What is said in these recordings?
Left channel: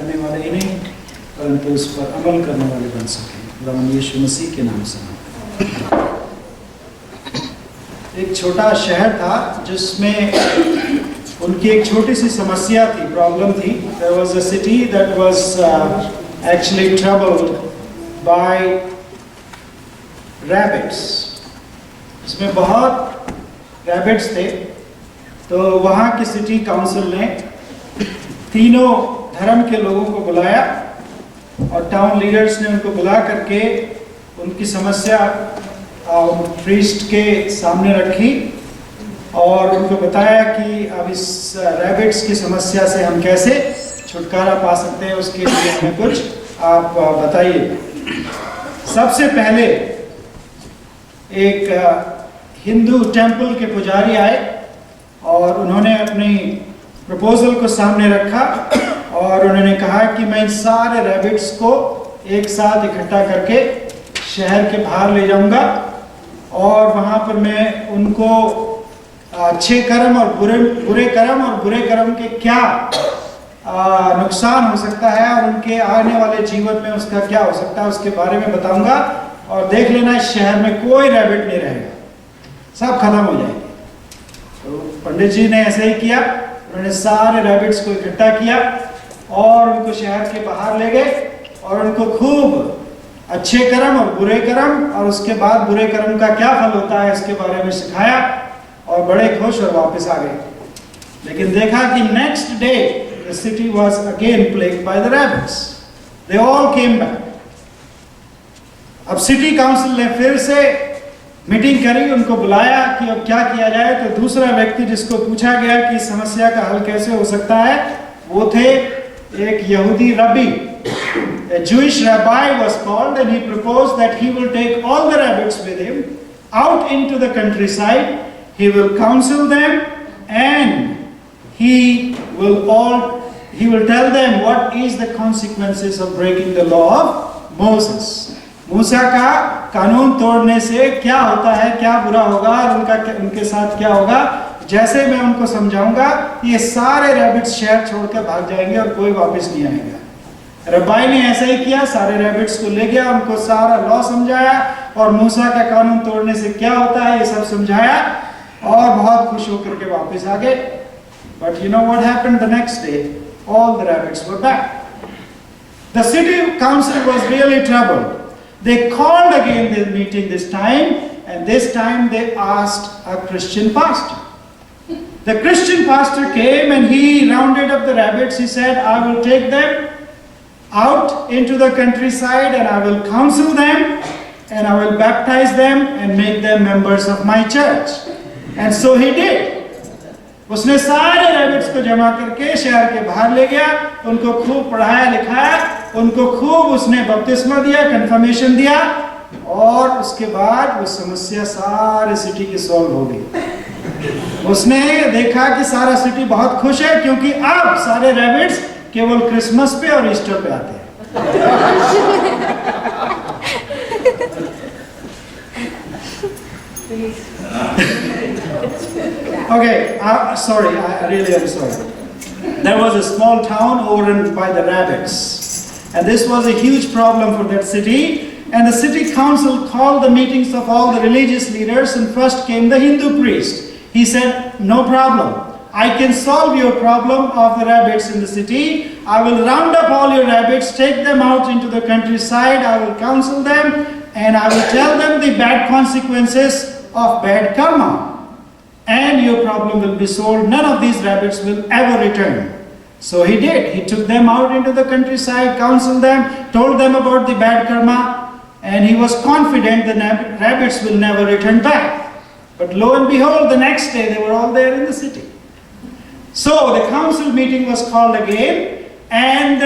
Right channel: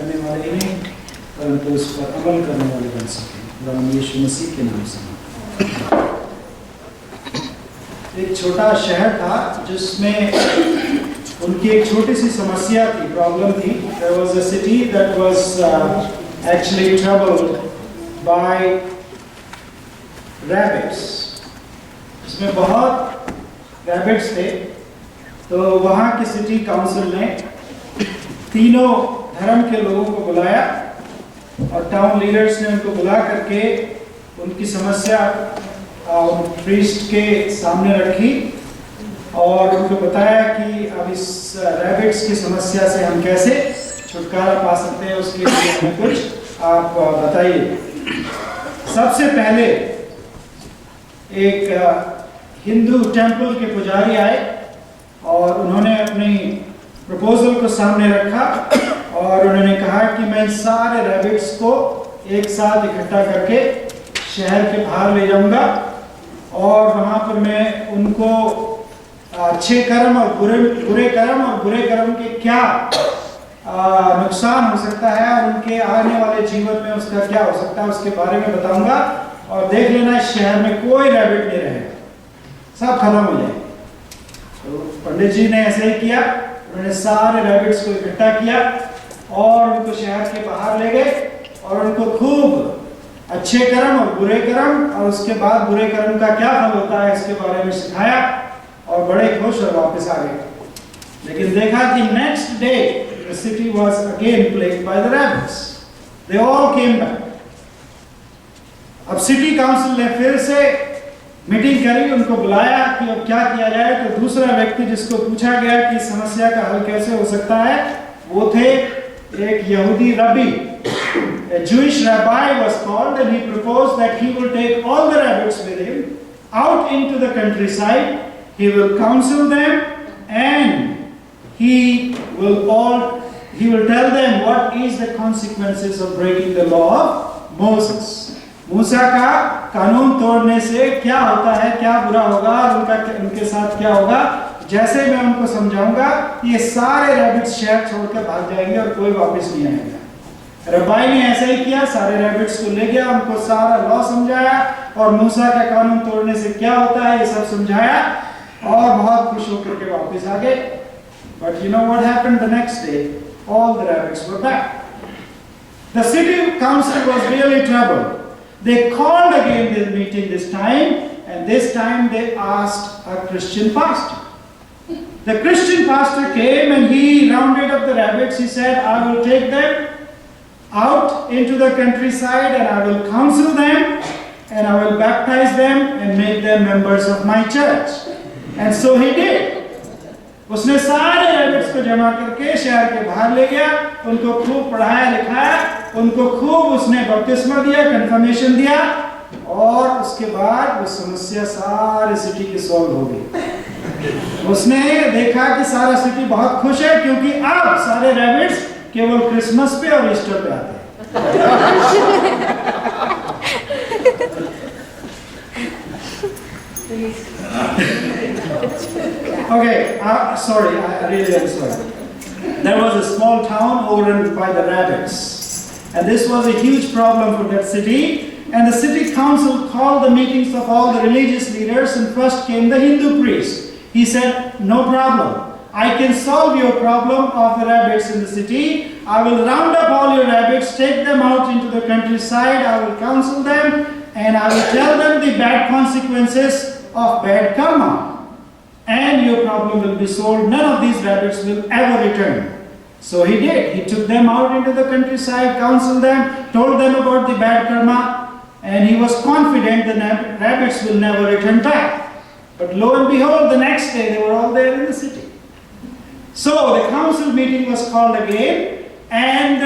करने वाले ही नहीं परंतु उस पर अमल करने वाले बन सकें। खुदावंद यीशु मसीह के नाम से। एक छोटा शहर था जिसमें उनकी एक छोटी सी समस्या थी, प्रॉब्लम थी। There was a city that was actually troubled by rabbits. इसमें बहुत रैबिट्स थे। तो वहाँ की सिटी काउंसिल ने तीनों धर्म के लोगों को बुलाया और टाउन लीडर्स ने उनको बुला करके उनकी समस्या प्रीस्ट के सामने रखी और उनको बताया कि अब इस रैबिट्स की समस्या से हम कैसे छुटकारा पा सकते हैं, उसके लिए हमें कुछ आप बताइए। सबसे पहले एक हिंदू टेंपल के पुजारी आए और उन्होंने अपनी प्रपोजल को सामने रखा और उन्होंने कहा कि मैं इन सारे रैबिट्स को एक साथ इकट्ठा करके शहर के बाहर ले जाऊंगा और वहाँ पर मैं उनको अच्छे कर्म और बुरे कर्म के क्या नुकसान हो सकता है और उनके आने वाले जीवन में उसका क्या हो सकता है उसके बारे में बताऊंगा। और देख लेना इस शहर में कोई रैबिट नहीं रहेगा, सब खत्म हो जाएंगे। तो पंडित जी ने ऐसे ही किया, उन्होंने सारे रैबिट्स को इकट्ठा किया और उनको शहर के बाहर ले गए और उनको खूब अच्छे कर्म और बुरे कर्म और उसके बाद बुरे कर्म का क्या फल होता है इसके बारे में सिखाया और बड़े खुश और वापस आ गए। लेकिन देखा कि next day the city was again plagued by the rabbits. They all came back. अब सिटी काउंसिल ने फिर से मीटिंग करी, उनको बुलाया कि अब क्या किया जाए। तो दूसरा व्यक्ति जिसको पूछा गया कि समस्या का हल कैसे हो सकता है वो थे एक यहूदी रबी। A Jewish rabbi was called and he proposed that he will take all the rabbits with him out into the countryside. He will counsel them and he will tell them what is the consequences of breaking the law of Moses. मूसा का कानून तोड़ने से क्या होता है, क्या बुरा होगा और उनके साथ क्या होगा। जैसे मैं उनको समझाऊंगा ये सारे रैबिट्स शहर छोड़कर भाग जाएंगे और कोई वापस नहीं आएगा। रब्बाई ने ऐसा ही किया, सारे रैबिट्स को ले गया, उनको सारा लॉ समझाया और मूसा का कानून तोड़ने से क्या होता है ये सब समझाया और बहुत खुश होकर के वापस आ गए। But you know what happened the next day, all the rabbits were back. The city council was really troubled. They called again the meeting this time, and this time they asked a Christian pastor. The Christian pastor came and he rounded up the rabbits. He said, I will take them out into the countryside and I will counsel them and I will baptize them and make them members of my church. And so he did. उसने सारे rabbits को जमा करके शहर के बाहर ले गया, उनको खूब पढ़ाया लिखाया, उनको खूब उसने बपतिस्मा दिया, कंफर्मेशन दिया और उसके बाद वो समस्या सारे सिटी की सॉल्व हो गई। उसने देखा कि सारा सिटी बहुत खुश है क्योंकि अब सारे रैबिट्स केवल क्रिसमस पे और ईस्टर पे आते हैं। Okay, sorry, I really am sorry. There was a small town overrun by the rabbits, and this was a huge problem for that city. And the city council called the meetings of all the religious leaders, and first came the Hindu priest. He said, no problem, I can solve your problem of the rabbits in the city. I will round up all your rabbits, take them out into the countryside, I will counsel them, and I will tell them the bad consequences of bad karma. And your problem will be solved. None of these rabbits will ever return. So he did. He took them out into the countryside, counseled them, told them about the bad karma, and he was confident the rabbits will never return back. But lo and behold, the next day they were all there in the city. So the council meeting was called again, and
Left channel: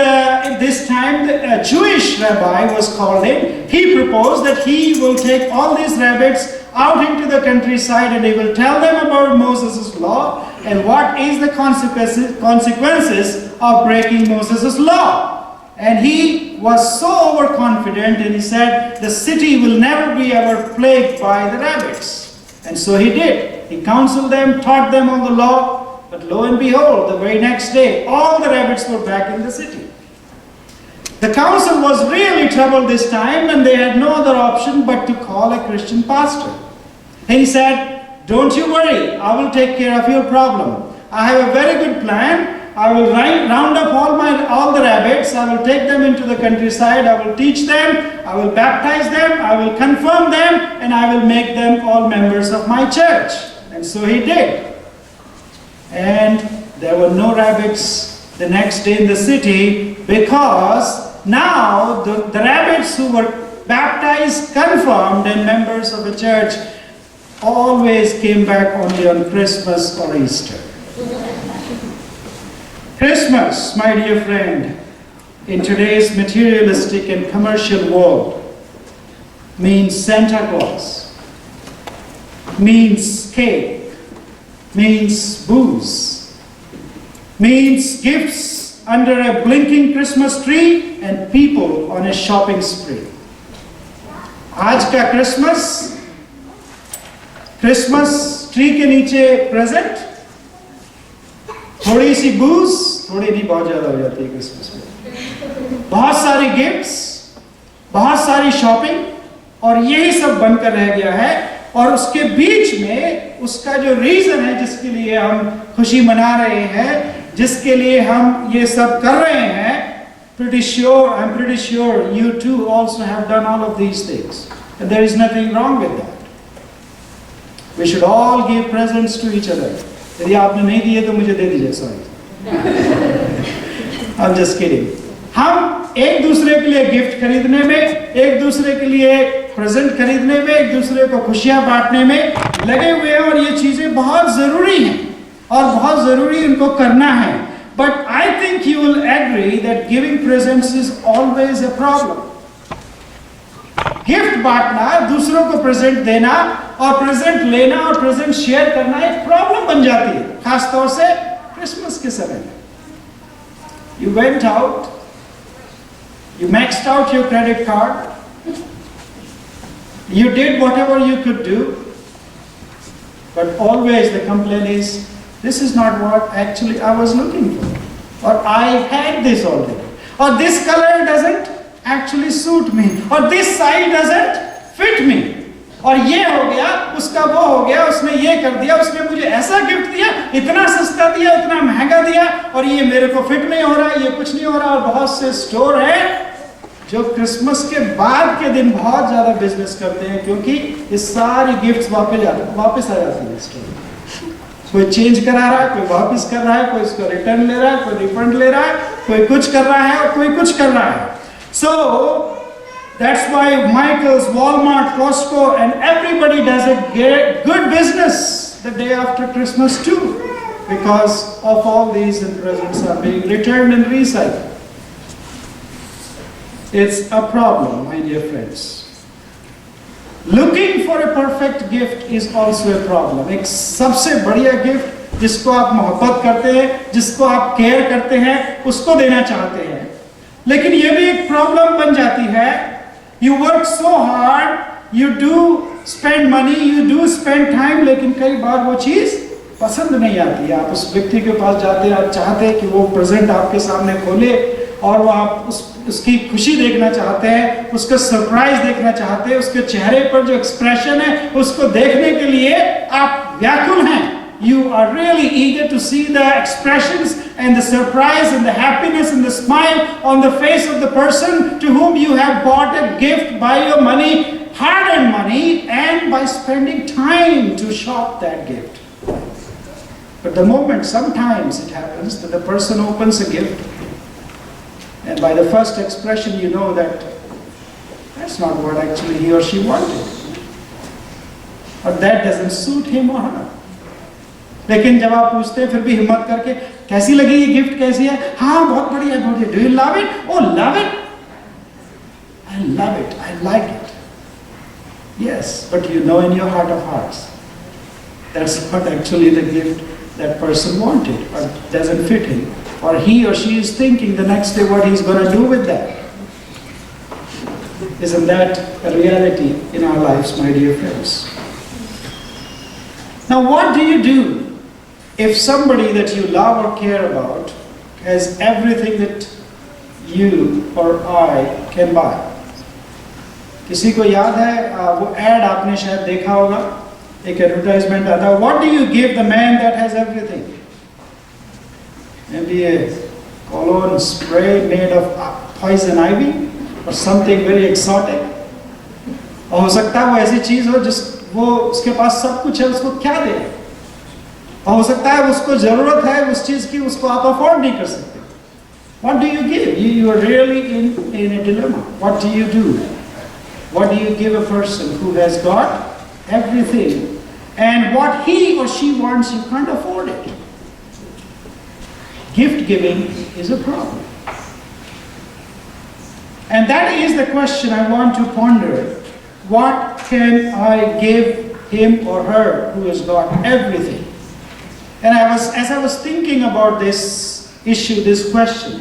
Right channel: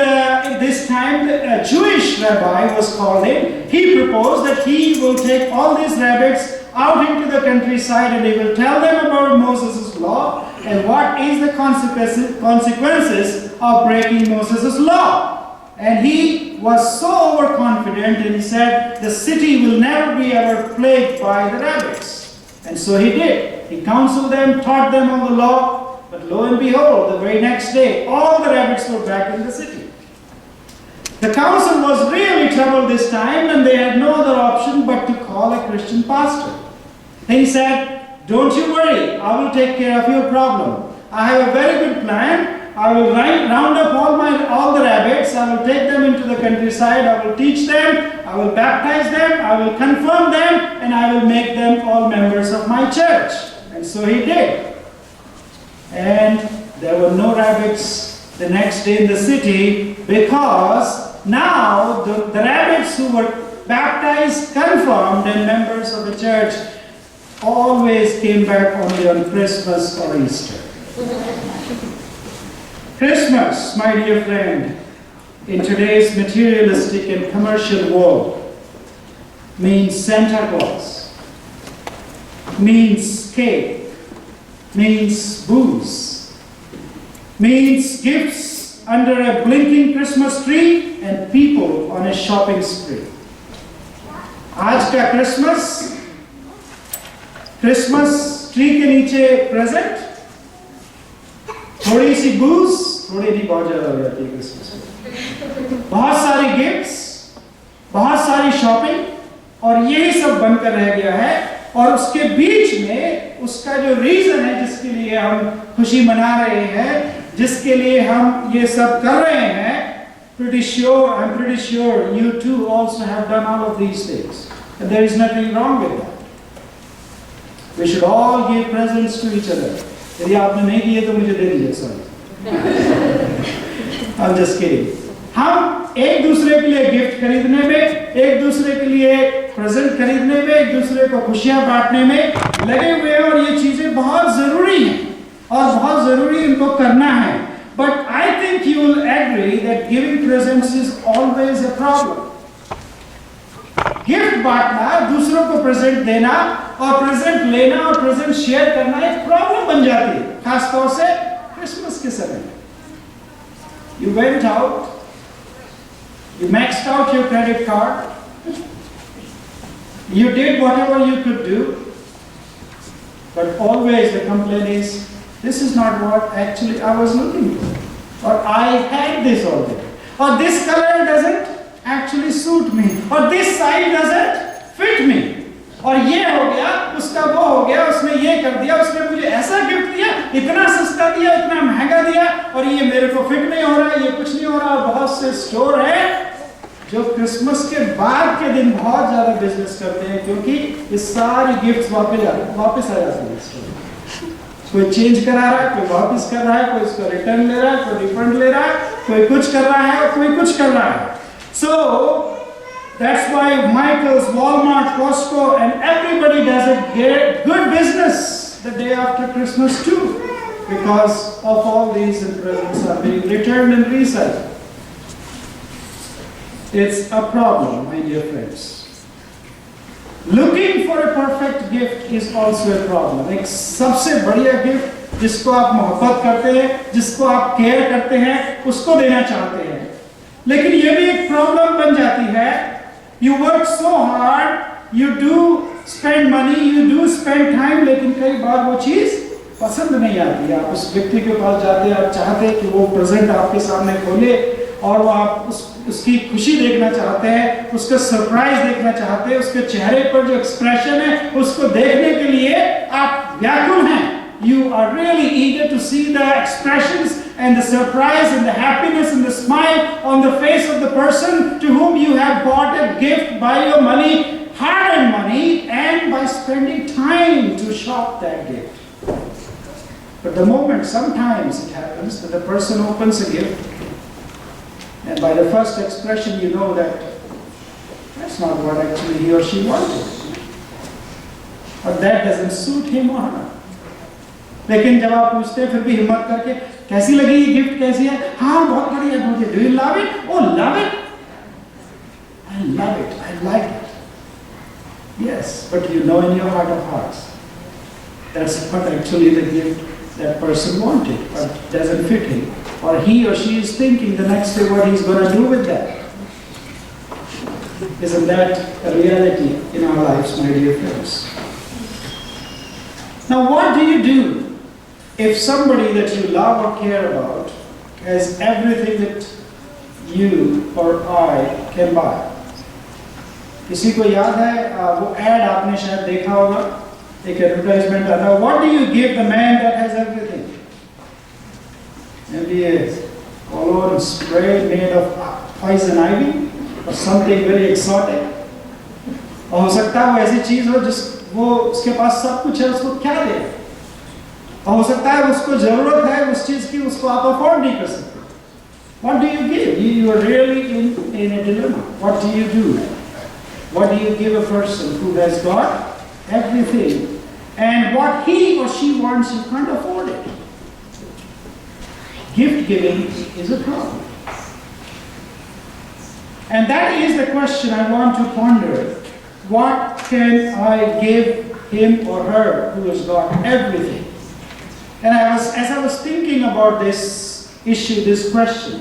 this time a Jewish rabbi was called in. He proposed that he will take all these rabbits out into the countryside and he will tell them about Moses' law and what is the consequences of breaking Moses' law. And he was so overconfident and he said the city will never be ever plagued by the rabbits. And so he did. He counseled them, taught them on the law, but lo and behold, the very next day, all the rabbits were back in the city. The council was really troubled this time, and they had no other option but to call a Christian pastor. And he said, "Don't you worry, I will take care of your problem. I have a very good plan. I will round up all the rabbits. I will take them into the countryside. I will teach them. I will baptize them. I will confirm them, and I will make them all members of my church." And so he did. And there were no rabbits the next day in the city, because now the rabbits who were baptized, confirmed, and members of the church always came back only on Christmas or Easter. Christmas, my dear friend, in today's materialistic and commercial world, means Santa Claus, means cake, means booze, means gifts under a blinking Christmas tree and people on a shopping spree. आज का Christmas tree के नीचे present, थोड़ी सी बूज, थोड़ी नहीं बहुत ज्यादा हो जाती है क्रिसमस में, बहुत सारी गिफ्ट्स, बहुत सारी शॉपिंग, और यही सब बनकर रह गया है। और उसके बीच में उसका जो रीजन है जिसके लिए हम खुशी मना रहे हैं, जिसके लिए हम ये सब कर रहे हैं, I'm pretty sure you too also have done all of these things, and there is nothing wrong with that. We should all give presents to each other. यदि आपने नहीं दिए तो मुझे दे दीजिए, sorry. I'm just kidding. हम एक दूसरे के लिए गिफ्ट खरीदने में, एक दूसरे के लिए प्रेजेंट खरीदने में, एक दूसरे को खुशियां बांटने में लगे हुए हैं, और ये चीजें बहुत जरूरी हैं और बहुत जरूरी इनको करना है. But I think you will agree that giving presents is always a problem. Gift बांटना, दूसरों को प्रेजेंट देना और प्रेजेंट लेना और प्रेजेंट शेयर करना एक प्रॉब्लम बन जाती है, खासतौर से क्रिसमस के समय में. You went out, you maxed out your credit card, you did whatever you could do, but always the complaint is, this is not what actually I was looking for, or I had this already, or this color doesn't actually suit me, or this size doesn't fit me, और ये हो गया, उसका वो हो गया, उसने ये कर दिया, उसने मुझे ऐसा गिफ्ट दिया, इतना सस्ता दिया, इतना महंगा दिया, और ये मेरे को फिट नहीं हो रहा, ये कुछ नहीं हो रहा. और बहुत से स्टोर है जो क्रिसमस के बाद के दिन बहुत ज्यादा बिजनेस करते हैं, क्योंकि ये सारी गिफ्ट्स वापस आ जाती है स्टोर. कोई चेंज करा रहा है, कोई वापस कर रहा है, कोई इसको रिटर्न ले रहा है, कोई रिफंड ले रहा है, कोई कुछ कर रहा है और कोई कुछ कर रहा है. So that's why Michael's, Walmart, Costco, and everybody does a good business the day after Christmas too, because of all these presents are being returned and recycled. It's a problem, my dear friends. Looking for a perfect gift is also a problem. एक सबसे बढ़िया gift जिसको आप मोहब्बत करते हैं, जिसको आप केयर करते हैं, उसको देना चाहते हैं, लेकिन ये भी एक प्रॉब्लम बन जाती है. You work so hard, you do spend money, you do spend time, लेकिन कई बार वो चीज पसंद नहीं आती है. आप उस व्यक्ति के पास जाते हैं, आप चाहते हैं कि वो प्रेजेंट आपके सामने खोले, और वो आप उसकी खुशी देखना चाहते हैं, उसका सरप्राइज देखना चाहते हैं, उसके चेहरे पर जो एक्सप्रेशन है उसको देखने के लिए आप व्याकुल हैं. You are really eager to see the expressions and the surprise and the happiness and the smile on the face of the person to whom you have bought a gift by your money, hard-earned money, and by spending time to shop that gift. But the moment sometimes it happens that the person opens a gift, and by the first expression you know that that's not what actually he or she wanted, or that doesn't suit him or her. लेकिन जब आप पूछते हैं फिर भी हिम्मत करके, कैसी लगी ये गिफ्ट, कैसी है? हाँ बहुत बढ़िया, बहुत बढ़िया. Do you love it? Oh, love it? I love it. I like it. Yes, but you know in your heart of hearts that's not actually the gift that person wanted, or doesn't fit him, or he or she is thinking the next day what he's going to do with that. Isn't that a reality in our lives, my dear friends? Now what do you do if somebody that you love or care about has everything that you or I can buy. किसी को याद है वो add आपने शायद देखा होगा, एक एडवर्टाइजमेंट आता है, what do you give the man that has everything? Maybe a cologne spray made of poison ivy or something very exotic. और हो सकता है वो ऐसी चीज हो जिस वो उसके पास सब कुछ है, उसको क्या दे? और हो सकता है उसको जरूरत है उस चीज की, उसको आप अफोर्ड नहीं कर सकते. What do you give? You are really in a dilemma. What do you do? What do you give a person who has got everything and what he or she wants you can't afford it? Gift giving is a problem. And that is the question I want to ponder. What can I give him or her who has got everything? And as I was thinking about this issue, this question,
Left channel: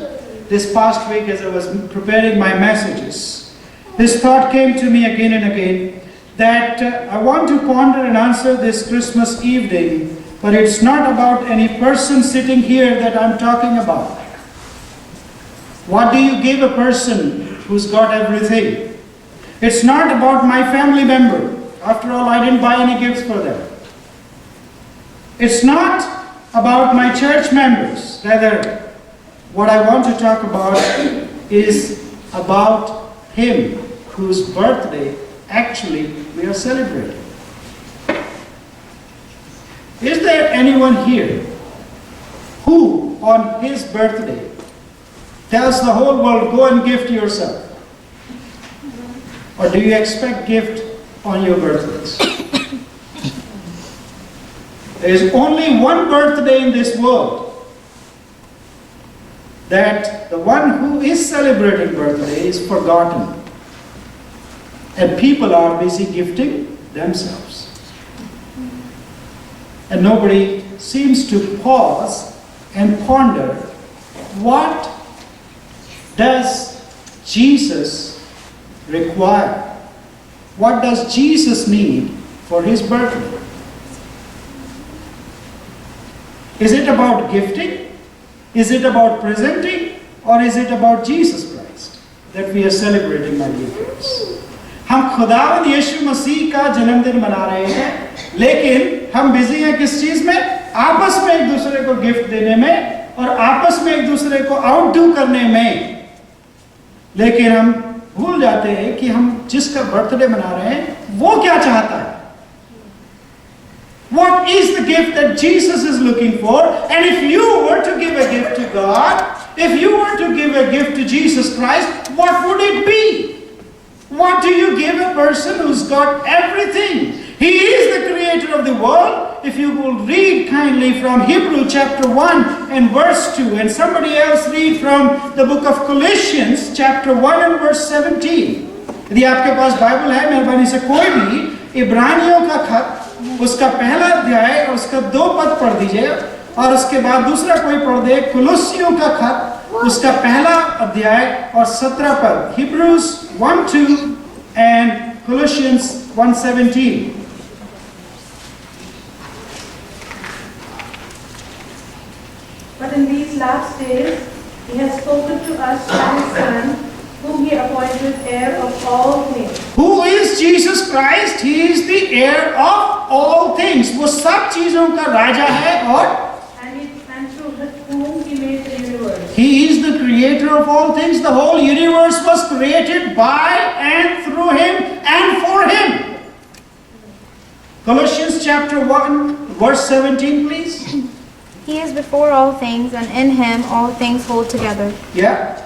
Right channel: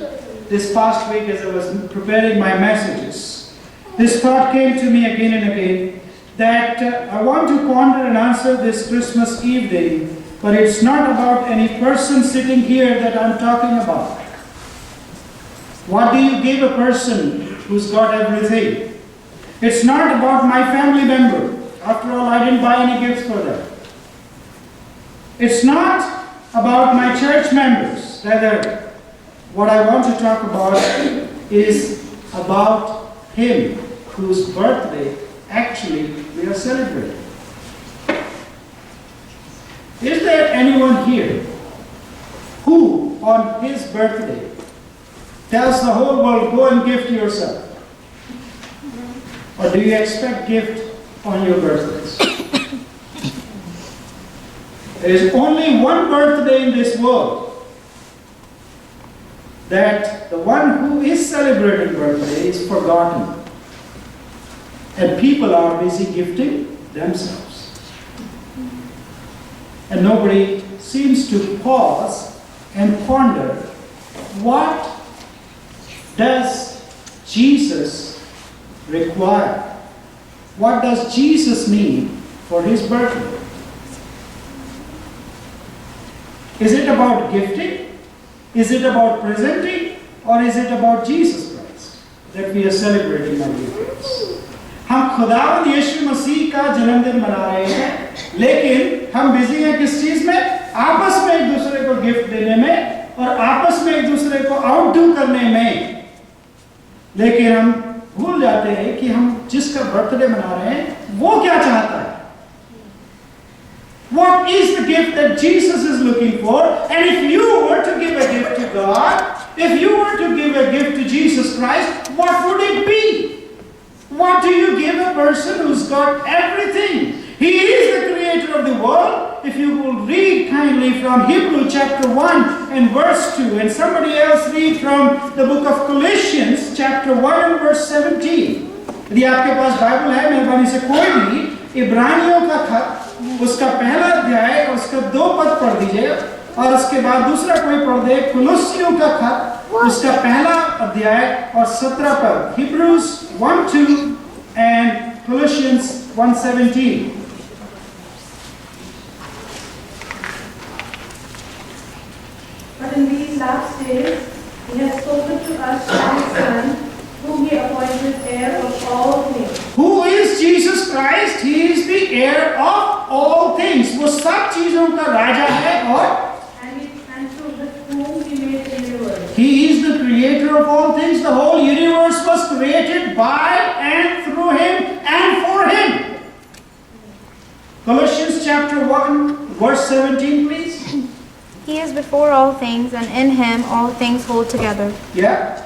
this past week as I was preparing my messages, this thought came to me again and again that I want to ponder and answer this Christmas evening, but it's not about any person sitting here that I'm talking about. What do you give a person who's got everything? It's not about my family member. After all, I didn't buy any gifts for them. It's not about my church members. Rather, what I want to talk about is about him whose birthday actually we are celebrating. Is there anyone here who on his birthday tells the whole world, go and gift yourself? Or do you expect gift on your birthdays? There is only one birthday in this world that the one who is celebrating birthday is forgotten. And people are busy gifting themselves. And nobody seems to pause and ponder, what does Jesus require? What does Jesus need for his birthday? Is it about gifting? Is it about presenting? Or is it about Jesus Christ that we are celebrating, my dear friends? हम खुदावंद यीशु मसीह का जन्मदिन मना रहे हैं, लेकिन हम busy हैं किस चीज में? आपस में एक दूसरे को गिफ्ट देने में और आपस में एक दूसरे को आउटडू करने में. लेकिन हम भूल जाते हैं कि हम जिसका बर्थडे मना रहे हैं वो क्या चाहता है. What is the gift that Jesus is looking for? And if you were to give a gift to God, if you were to give a gift to Jesus Christ, what would it be? What do you give a person who's got everything? He is the creator of the world. If you will read kindly from Hebrew chapter 1 and verse 2, and somebody else read from the book of Colossians chapter 1 and verse 17. यदि आपके पास Bible है, मेहरबानी से कोई भी इब्रानियों का खत, उसका पहला अध्याय और उसका 2 पद पढ़ दीजिए, और उसके बाद दूसरा कोई पढ़ दे कुलुस्सियों का खत, उसका पहला अध्याय और 17 पद. Hebrews 1:2 and Colossians 1:17. But in these last days, he has spoken to us through his Son, whom he appointed heir of all things. Who is Jesus Christ? He is the heir of all things. वो सब चीजों का राजा है और And through whom he made the universe. He is the creator of all things. The whole universe was created by and through him and for him. Colossians chapter 1 verse 17, please. He is before all things, and in him all things hold together. Yeah.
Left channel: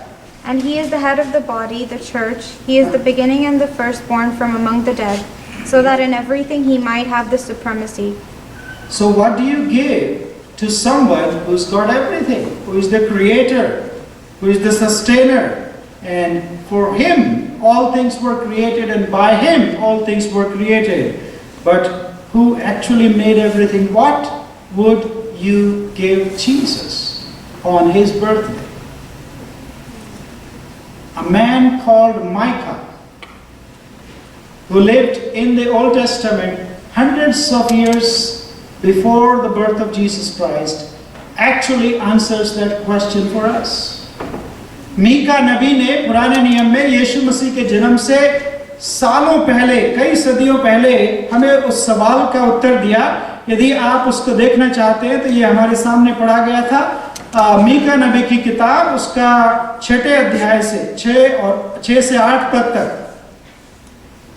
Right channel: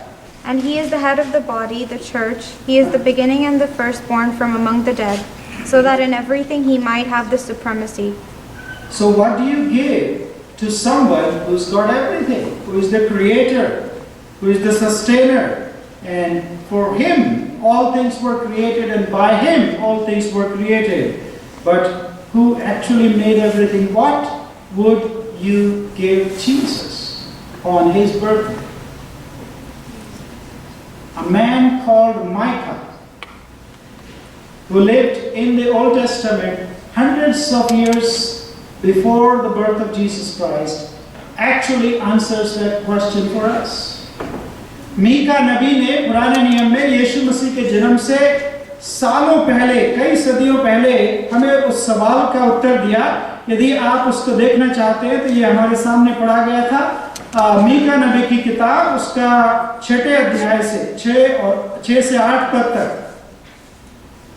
And he is the head of the body, the church. He is the beginning and the firstborn from among the dead, so that in everything he might have the supremacy. So what do you give to someone who's got everything, who is the creator, who is the sustainer, and for him all things were created, and by him all things were created, but who actually made everything? What would you give Jesus on his birthday? A man called Micah, who lived in the Old Testament hundreds of years before the birth of Jesus Christ, actually answers that question for us. Mika नबी ने पुराने नियम में यीशु मसीह के जन्म से सालों पहले, कई सदियों पहले हमें उस सवाल का उत्तर दिया। यदि आप उसको देखना चाहते हैं तो ये हमारे सामने पढ़ा गया था। मीका नबी की किताब, उसका 6 अध्याय से 6 से 8 पद तक।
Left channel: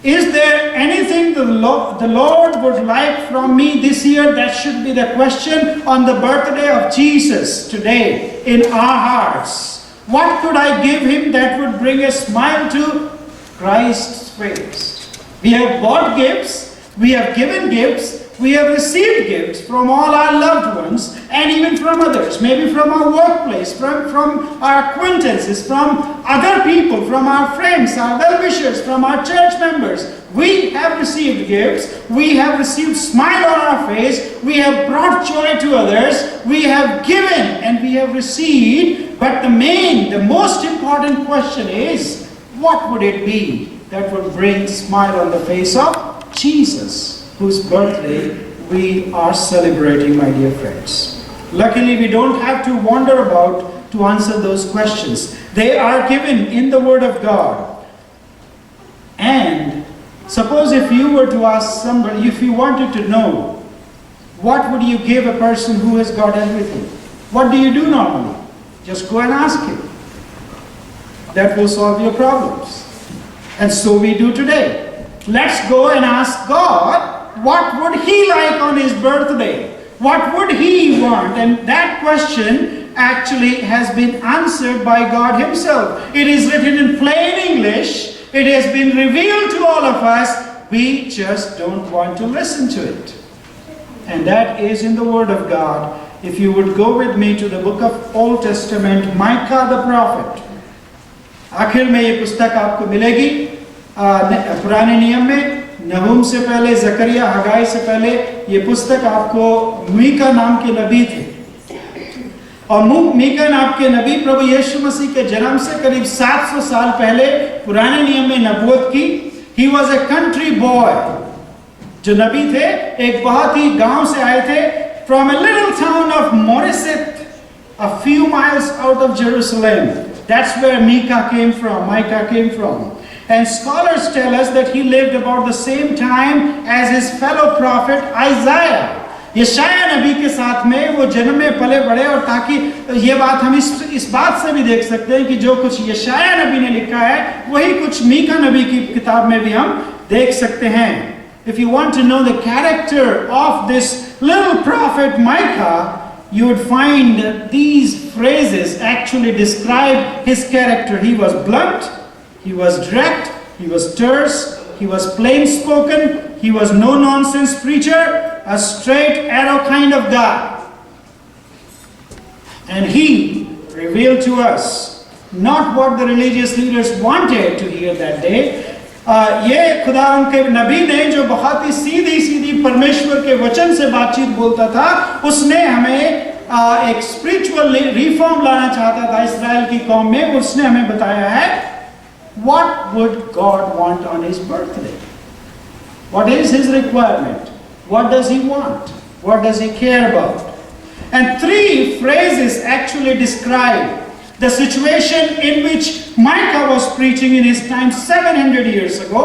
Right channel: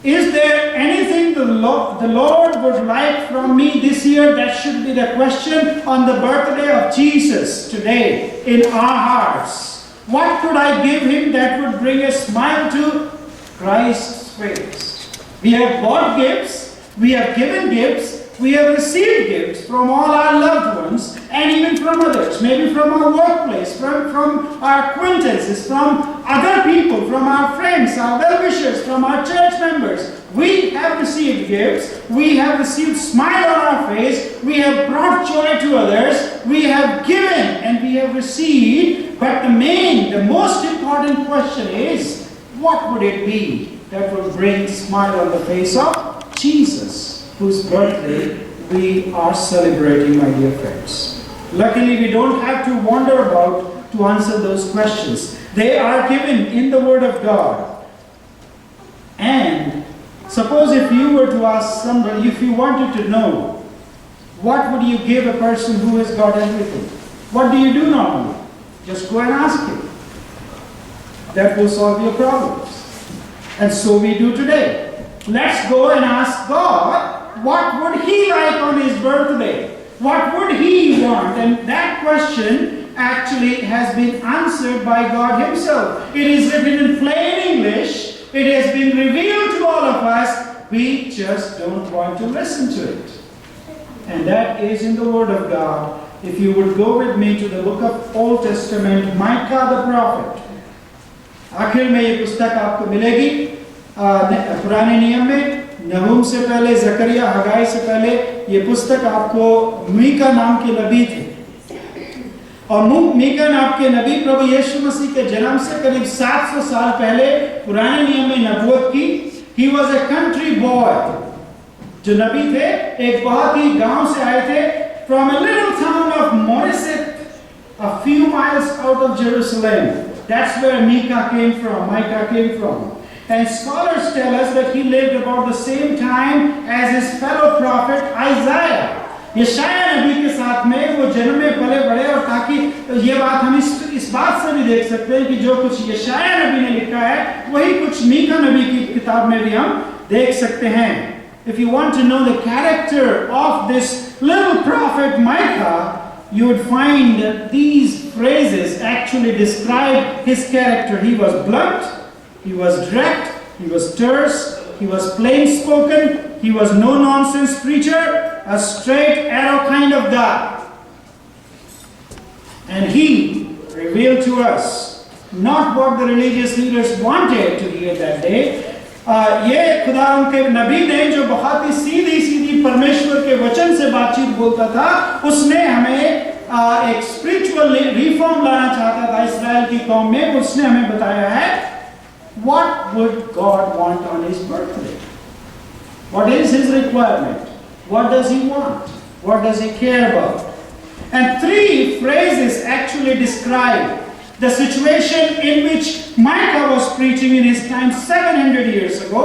Is there anything the Lord would like from me this year? That should be the question on the birthday of Jesus today in our hearts. What could I give him that would bring a smile to Christ's face? We have bought gifts, we have given gifts, we have received gifts from all our loved ones and even from others, maybe from our workplace, from our acquaintances, from other people, from our friends, our well-wishers, from our church members. We have received gifts, we have received smile on our face, we have brought joy to others, we have given and we have received. But the most important question is, what would it be that would bring smile on the face of Jesus, whose birthday we are celebrating, my dear friends? Luckily, we don't have to wander about to answer those questions. They are given in the Word of God. And suppose if you were to ask somebody, if you wanted to know, what would you give a person who has got everything? What do you do normally? Just go and ask him. That will solve your problems. And so we do today. Let's go and ask God, what would He like on His birthday? What would He want? And that question actually has been answered by God Himself. It is written in plain English. It has been revealed to all of us. We just don't want to listen to it. And that is in the Word of God. If you would go with me to the book of Old Testament, Micah the prophet. आखिर में ये पुस्तक आपको मिलेगी पुराने नियम में। नहूम से पहले, जकरिया, हगाई से पहले ये पुस्तक आपको मीका नाम के नबी थे। और मीका नाम के नबी प्रभु यीशु मसीह के जन्म से करीब 700 साल पहले पुराने नियम में नबूवत की। He was a country boy। जो नबी थे एक बहुत ही गांव से आए थे, from a little town of Moreset, a few miles out of Jerusalem. That's where Micah came from. And scholars tell us that he lived about the same time as his fellow prophet Isaiah. यशाया नबी के साथ में वो जन्म में पले बड़े, और ताकि ये बात हम इस बात से भी देख सकते हैं कि जो कुछ यशाया नबी ने लिखा है वही कुछ मीका नबी की किताब में भी हम देख सकते हैं। If you want to know the character of this little prophet Micah, you would find that these phrases actually describe his character. He was blunt, he was direct, he was terse, he was plain spoken, he was no nonsense preacher, a straight arrow kind of guy. And he revealed to us not what the religious leaders wanted to hear that day. ये खुदा उनके नबी ने जो बहुत ही सीधी परमेश्वर के वचन से बातचीत बोलता था, उसने हमें एक स्पिरिचुअल रिफॉर्म लाना चाहता था इस्राएल की कौम में। उसने हमें बताया है what would God want on his birthday? What is his requirement? What does he want? What does he care about? And 3 phrases actually describe the situation in which Micah was preaching in his time 700 years ago.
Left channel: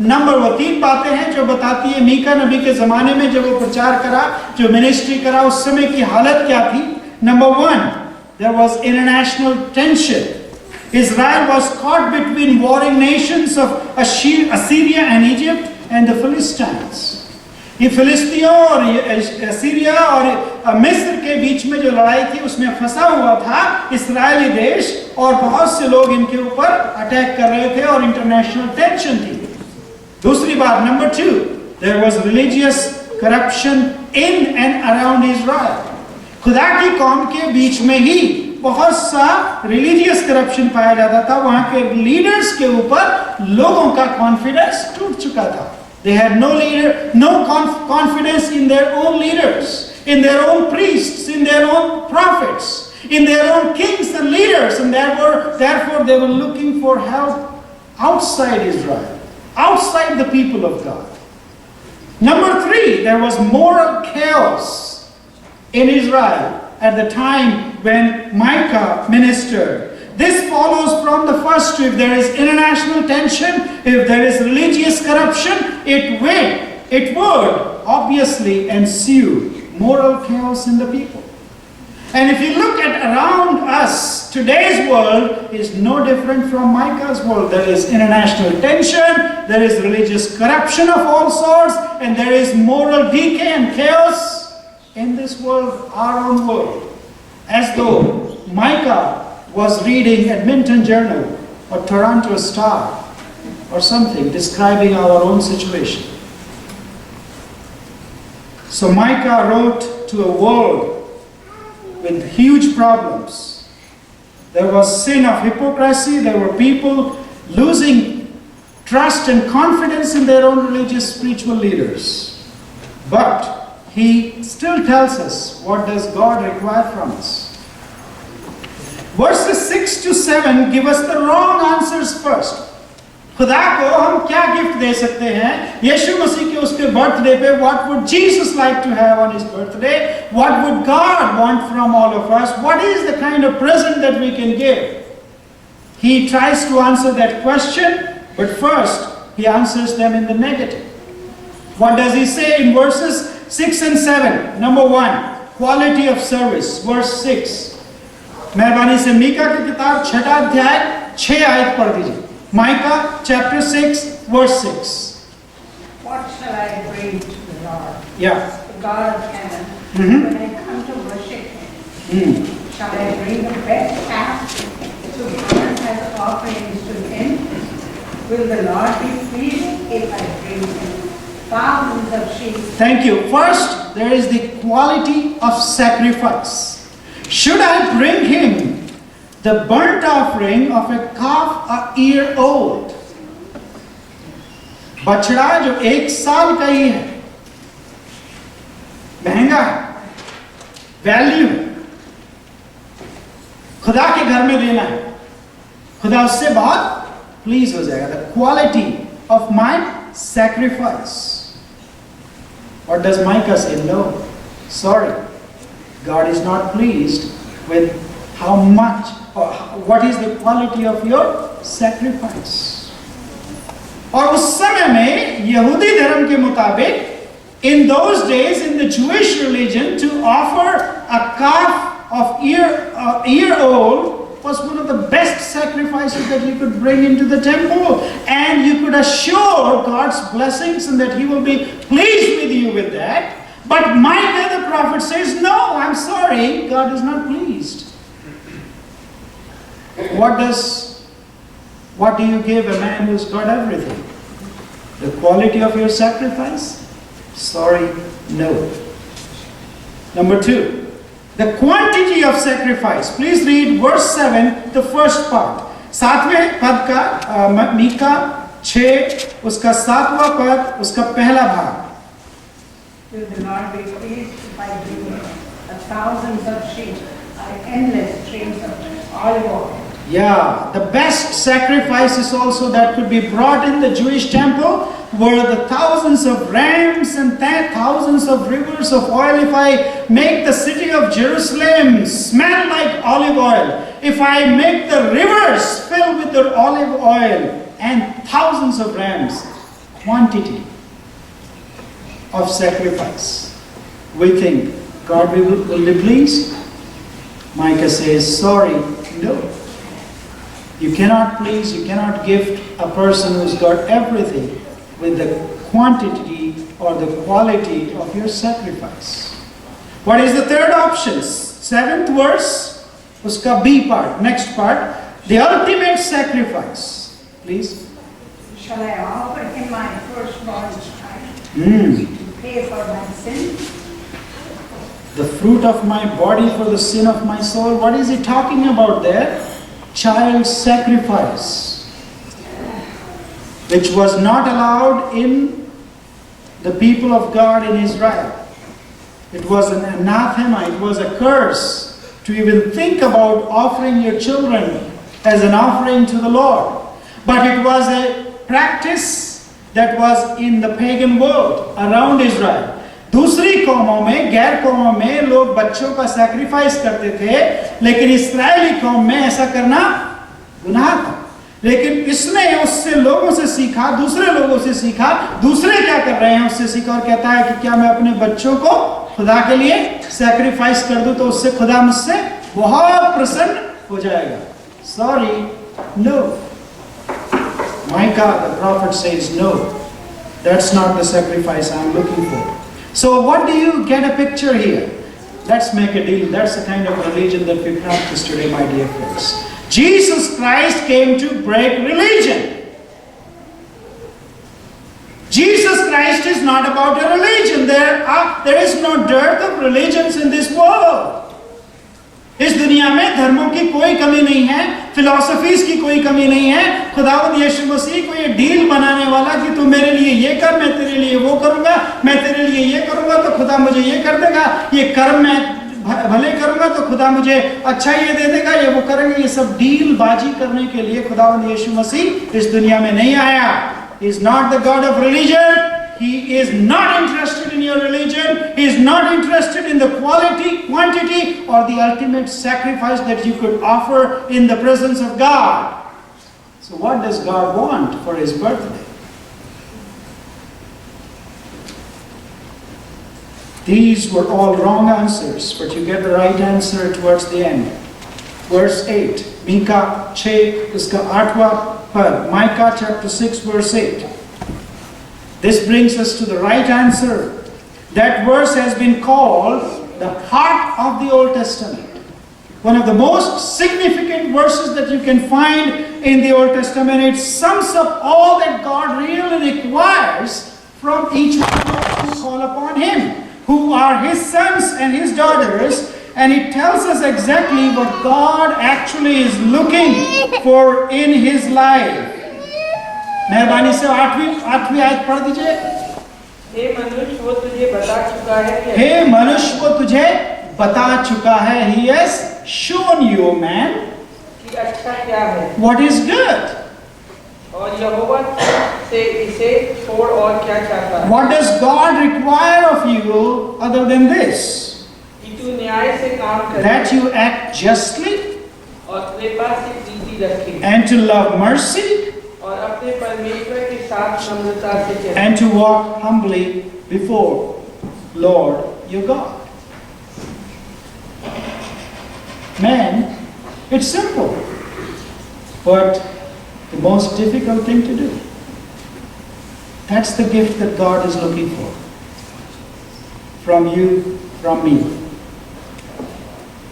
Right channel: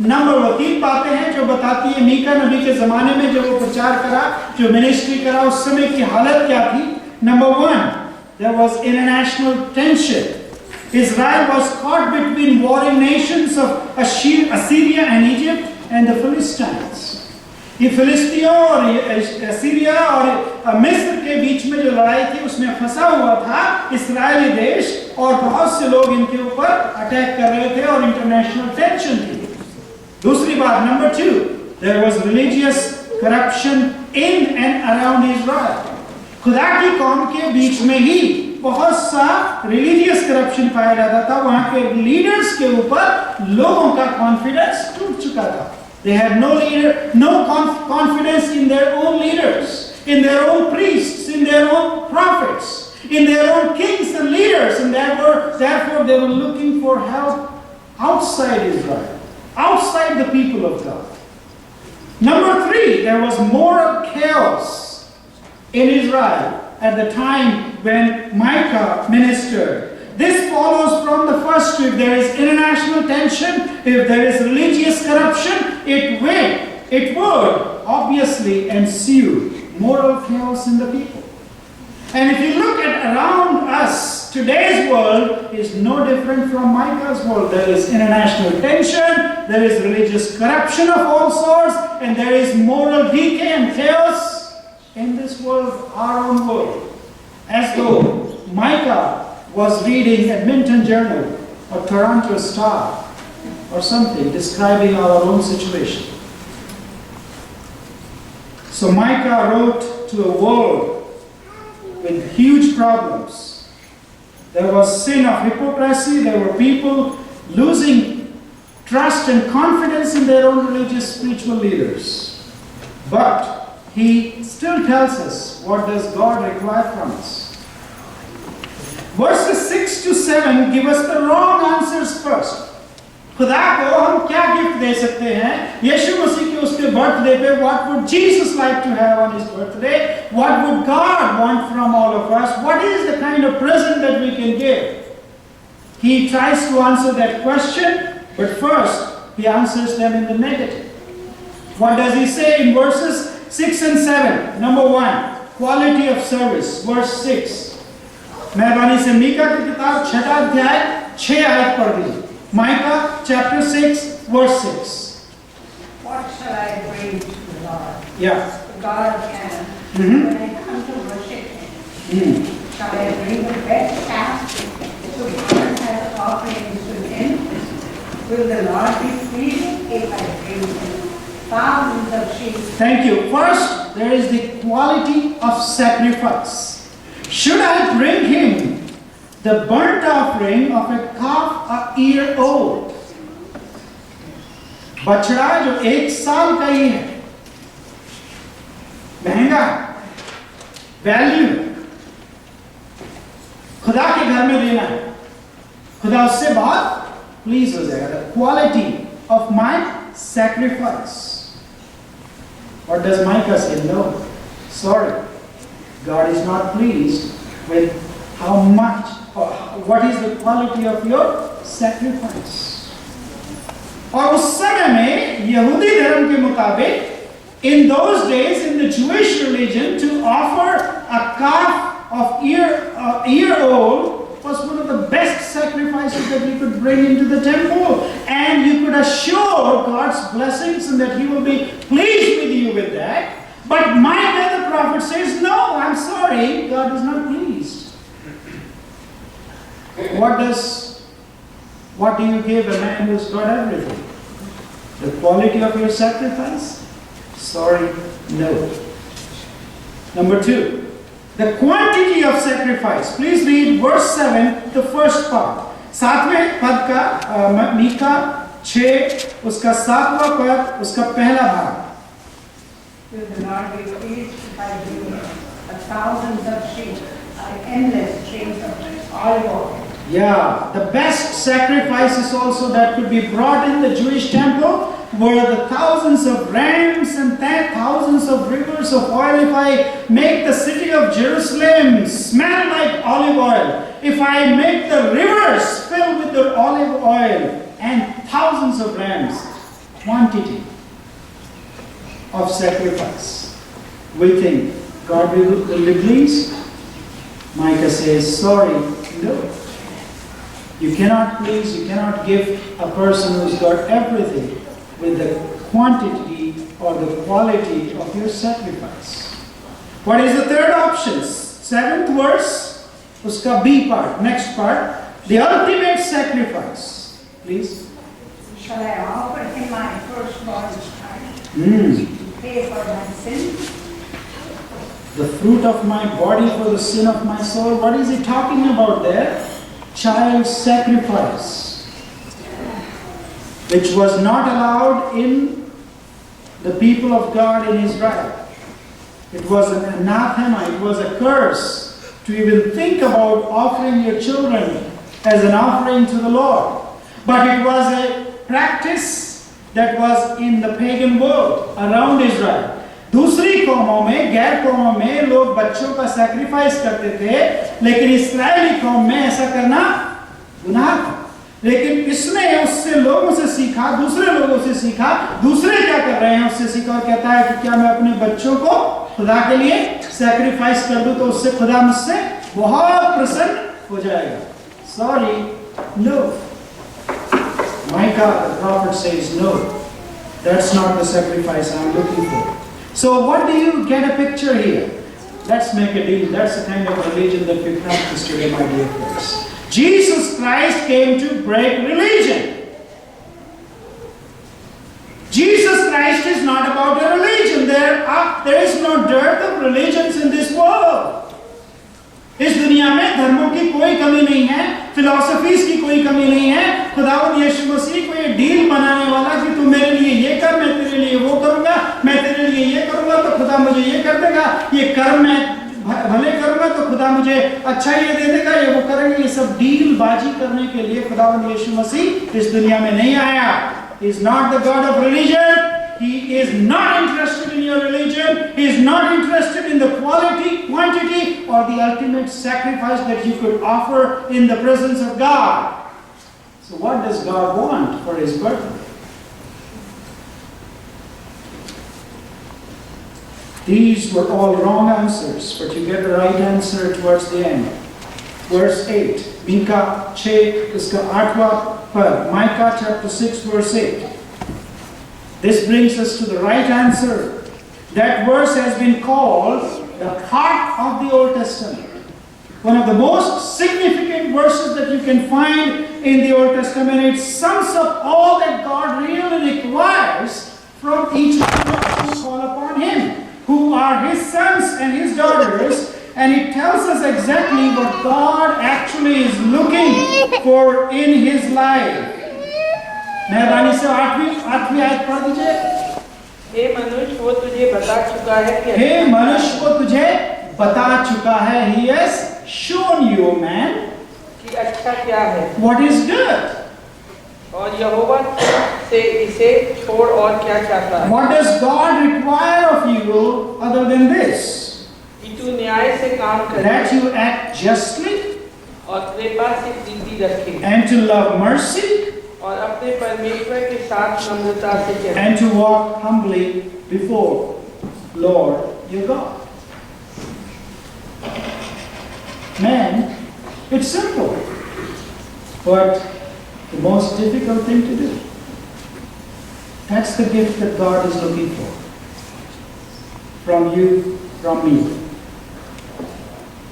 Number 3 बातें हैं जो बताती है मीका नबी के ज़माने में जब वो प्रचार करा, जो मिनिस्ट्री करा, उस समय की हालत क्या थी। Number 1, there was international tension. Israel was caught between warring nations of Assyria and Egypt and the Philistines. ये फिलिस्तियों और असीरिया और मिस्र के बीच में जो लड़ाई थी उसमें फंसा हुआ था इस्राएली देश, और बहुत से लोग इनके ऊपर अटैक कर रहे थे और इंटरनेशनल टेंशन थी। दूसरी बात, number 2, there was religious corruption in and around Israel. खुदा की कौम के बीच में ही बहुत सा रिलीजियस करप्शन पाया जाता था। वहां के लीडर्स के ऊपर लोगों का कॉन्फिडेंस टूट चुका था। They had no confidence in their own leaders, in their own priests, in their own prophets, in their own kings and leaders, and therefore they were looking for help outside Israel, outside the people of God. Number 3, there was moral chaos in Israel at the time when Micah ministered. This follows from the first. If there is international tension, if there is religious corruption, it would obviously ensue moral chaos in the people. And if you look at around us, today's world is no different from Micah's world. There is international tension, there is religious corruption of all sorts, and there is moral decay and chaos in this world, our own world. As though Micah was reading Edmonton Journal or Toronto Star or something describing our own situation. So Micah wrote to a world with huge problems. There was sin of hypocrisy. There were people losing trust and confidence in their own religious spiritual leaders. But he still tells us, what does God require from us? Verses 6 to 7 give us the wrong answers first. खुदा को हम क्या gift दे सकते हैं यीशु मसीह के उसके birthday पे? What would Jesus like to have on his birthday? What would God want from all of us? What is the kind of present that we can give? He tries to answer that question, but first he answers them in the negative. What does he say in verses 6 and 7? Number 1, quality of service. Verse 6. मेहरबानी से मीका की किताब 6 अध्याय 6 आयत पढ़ दीजिए. Micah chapter 6 verse 6. What shall I bring to the Lord? Yeah. The God of heaven, when I come to worship Him? Shall I bring the best calf to burn as offerings to Him? Will the Lord be pleased if I bring Him thousands of sheep? Thank you. First, there is the quality of sacrifice. Should I bring Him the burnt offering of a calf a year old? बछड़ा जो 1 साल का ही है, महंगा value खुदा के घर में देना है, खुदा उससे बहुत प्लीज हो जाएगा. The quality of my sacrifice. What does Micah say? No, sorry, God is not pleased with how much or what is the quality of your sacrifice. और उस समय में यहूदी धर्म के मुताबिक, in those days in the Jewish religion, to offer a calf of a year old was one of the best sacrifices that you could bring into the temple, and you could assure God's blessings and that He will be pleased with you with that. But Micah the prophet says, no, I'm sorry, God is not pleased. What do you give a man who's got everything? The quality of your sacrifice? Sorry, no. Number 2, the quantity of sacrifice. Please read verse 7, the first part. 7वें पद का मीका 6 उसका 7वां पद उसका पहला भाग. Will the Lord be pleased if I bring Him thousands of sheep, endless streams of olive oil? Yeah, the best sacrifices also that could be brought in the Jewish temple were the thousands of rams and thousands of rivers of oil. If I make the city of Jerusalem smell like olive oil, if I make the rivers fill with the olive oil and thousands of rams, quantity of sacrifice, we think God will be pleased? Micah says, sorry, no. You cannot please, you cannot gift a person who's got everything with the quantity or the quality of your sacrifice. What is the third option? 7th verse, uska B part, next part, the ultimate sacrifice. Please. Shall I offer Him my firstborn child to pay for my sin? The fruit of my body for the sin of my soul. What is he talking about there? Child sacrifice, which was not allowed in the people of God in Israel. It was an anathema, it was a curse to even think about offering your children as an offering to the Lord. But it was a practice that was in the pagan world around Israel. दूसरी कौमों में, गैर कौमों में लोग बच्चों का sacrifice करते थे, लेकिन इस्राएली कौम में ऐसा करना गुनाह था। लेकिन इसने उससे लोगों से सीखा, दूसरे लोगों से सीखा, दूसरे क्या कर रहे हैं उससे सीखा, और कहता है कि क्या मैं अपने बच्चों को खुदा के लिए सैक्रिफाइस कर दूं तो उससे खुदा मुझसे बहुत प्रसन्न हो जाएगा। Sorry, no. Micah the prophet says no, that's not the sacrifice I'm looking for. So what do you get a picture here? Let's make a deal. That's the kind of religion that we practice today, my dear friends. Jesus Christ came to break religion. Jesus Christ is not about a religion. There is no dearth of religions in this world. इस दुनिया में धर्मों की कोई कमी नहीं है, philosophies की कोई कमी नहीं है। खुदावंद यीशु मसीह को ये डील बनाने वाला कि तू मेरे लिए ये कर, मैं तेरे लिए वो करूंगा, मैं तेरे लिए ये करूंगा तो खुदा मुझे ये कर देगा, ये कर्म मैं भले करूंगा तो खुदा मुझे अच्छा ये दे देगा, ये वो करेंगे। ये सब डील बाजी करने के लिए खुदावंद यीशु मसीह इस दुनिया में नहीं आया। He is not the God of religion. He is not interested in your religion. He is not interested in the quality, quantity, or the ultimate sacrifice that you could offer in the presence of God. So what does God want for His birthday? These were all wrong answers, but you get the right answer towards the end. Verse 8, Micah 6 इसका 8वां पद, Micah chapter 6 verse 8. This brings us to the right answer. That verse has been called the heart of the Old Testament. One of the most significant verses that you can find in the Old Testament. It sums up all that God really requires from each one of us who call upon Him, who are His sons and His daughters. And it tells us exactly what God actually is looking for in His life. मेहरबानी से आठवीं आयत पढ़ दीजिए। हे मनुष्य वो तुझे बता चुका है कि हे मनुष्य वो तुझे बता चुका है, He has shown you, man, कि अच्छा क्या है, what is good. और यहोवा से इसे छोड़ और क्या चाहता है। What does God require of you other than this? कि तू न्याय से काम करे, That you act justly, और कृपा से प्रीति रखे, and to love mercy, और अपने परमेश्वर के साथ नम्रता से चले, and to walk humbly before Lord your God. Man, it's simple, but the most difficult thing to do. That's the gift that God is looking for. From you, from me.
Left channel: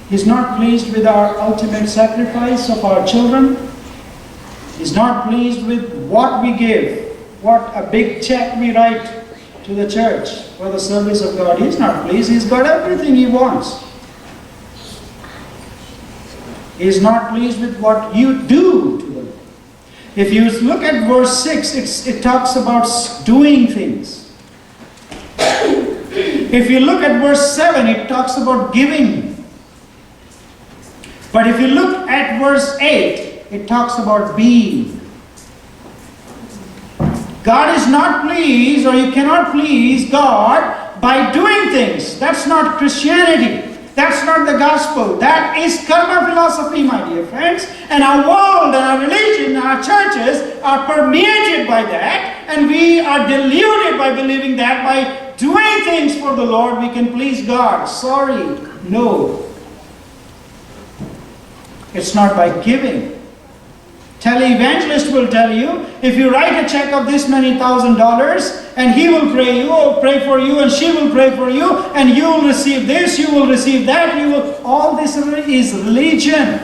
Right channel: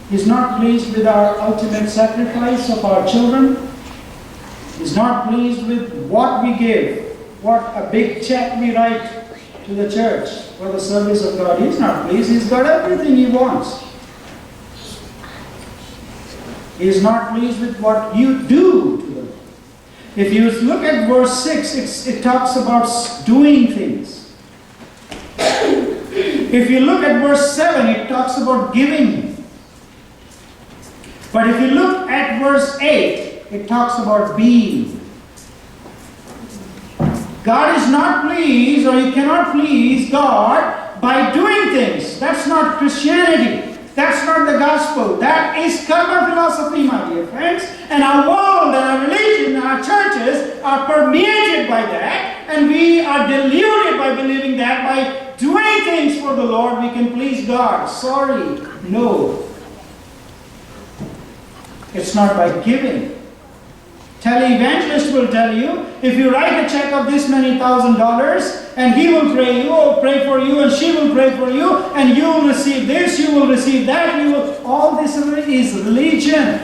He's not pleased with our ultimate sacrifice of our children. He's not pleased with what we give, what a big check we write to the church for the service of God. He's not pleased. He's got everything He wants. He's not pleased with what you do to them. If you look at verse 6, it talks about doing things. If you look at verse 7, it talks about giving. But if you look at verse 8, it talks about being. God is not pleased, or you cannot please God by doing things. That's not Christianity. That's not the gospel. That is karma philosophy, my dear friends. And our world and our religion and our churches are permeated by that. And we are deluded by believing that by doing things for the Lord we can please God. Sorry, no. It's not by giving. Televangelist will tell you, if you write a check of this many $1,000, and he will pray you, or pray for you, and she will pray for you, and you will receive this, you will receive that, you will. All this is religion.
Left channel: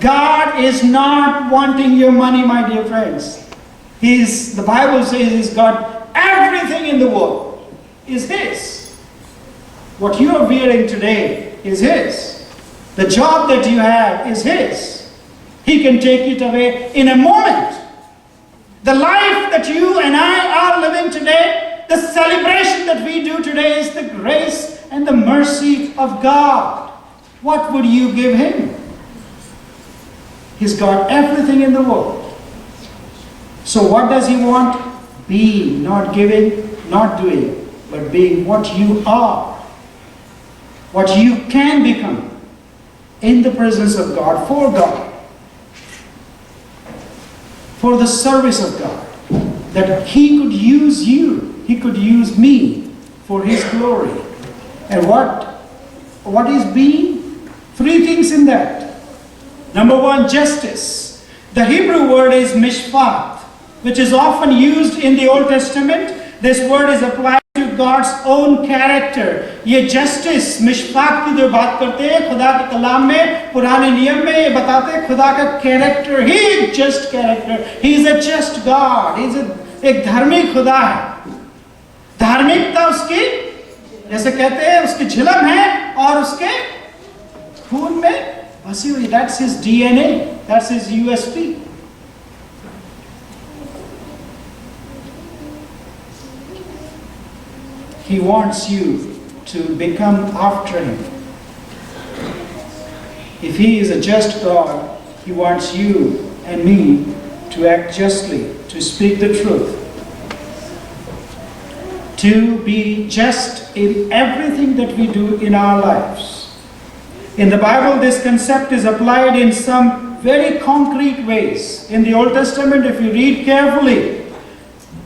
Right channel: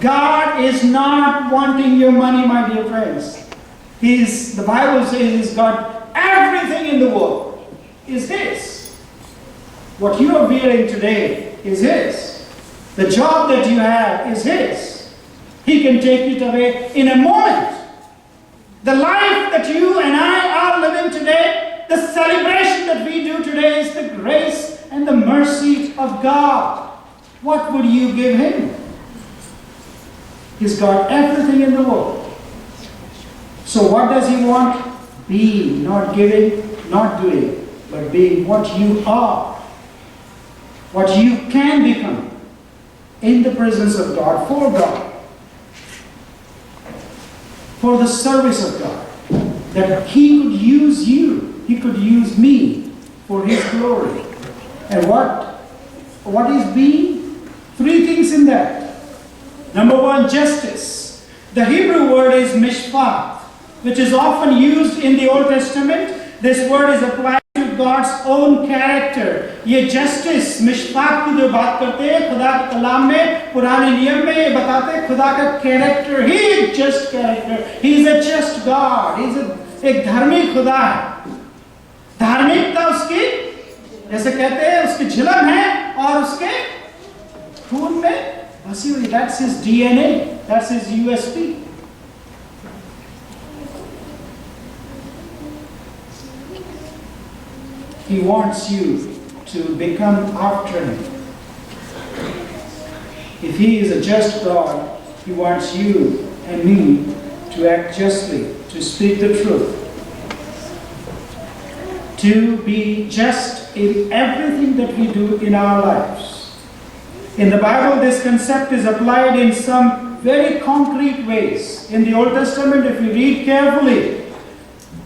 God is not wanting your money, my dear friends. The Bible says He's got everything in the world is His. What you are wearing today is His. The job that you have is His. He can take it away in a moment. The life that you and I are living today, the celebration that we do today is the grace and the mercy of God. What would you give Him? He's got everything in the world. So what does He want? Being, not giving, not doing, but being what you are. What you can become in the presence of God, for God. for the service of God. That He could use you, He could use me for His glory. And what is being? Three things in that. Number one, justice. The Hebrew word is mishpat, which is often used in the Old Testament. This word is applied to God's own character. ये justice, mishpat की जो बात करते हैं खुदा के कलाम में, पुराने नियम में ये बताते हैं खुदा का character. He is just character. He is a just God. He is एक धार्मिक खुदा है. धार्मिकता उसकी, जैसे कहते हैं, उसकी झिलम है और उसके खून में बसी हुई. That's his DNA. That's his USP. He wants you to become after Him. If He is a just God, He wants you and me to act justly, to speak the truth, to be just in everything that we do in our lives. In the Bible, this concept is applied in some very concrete ways. In the Old Testament, if you read carefully,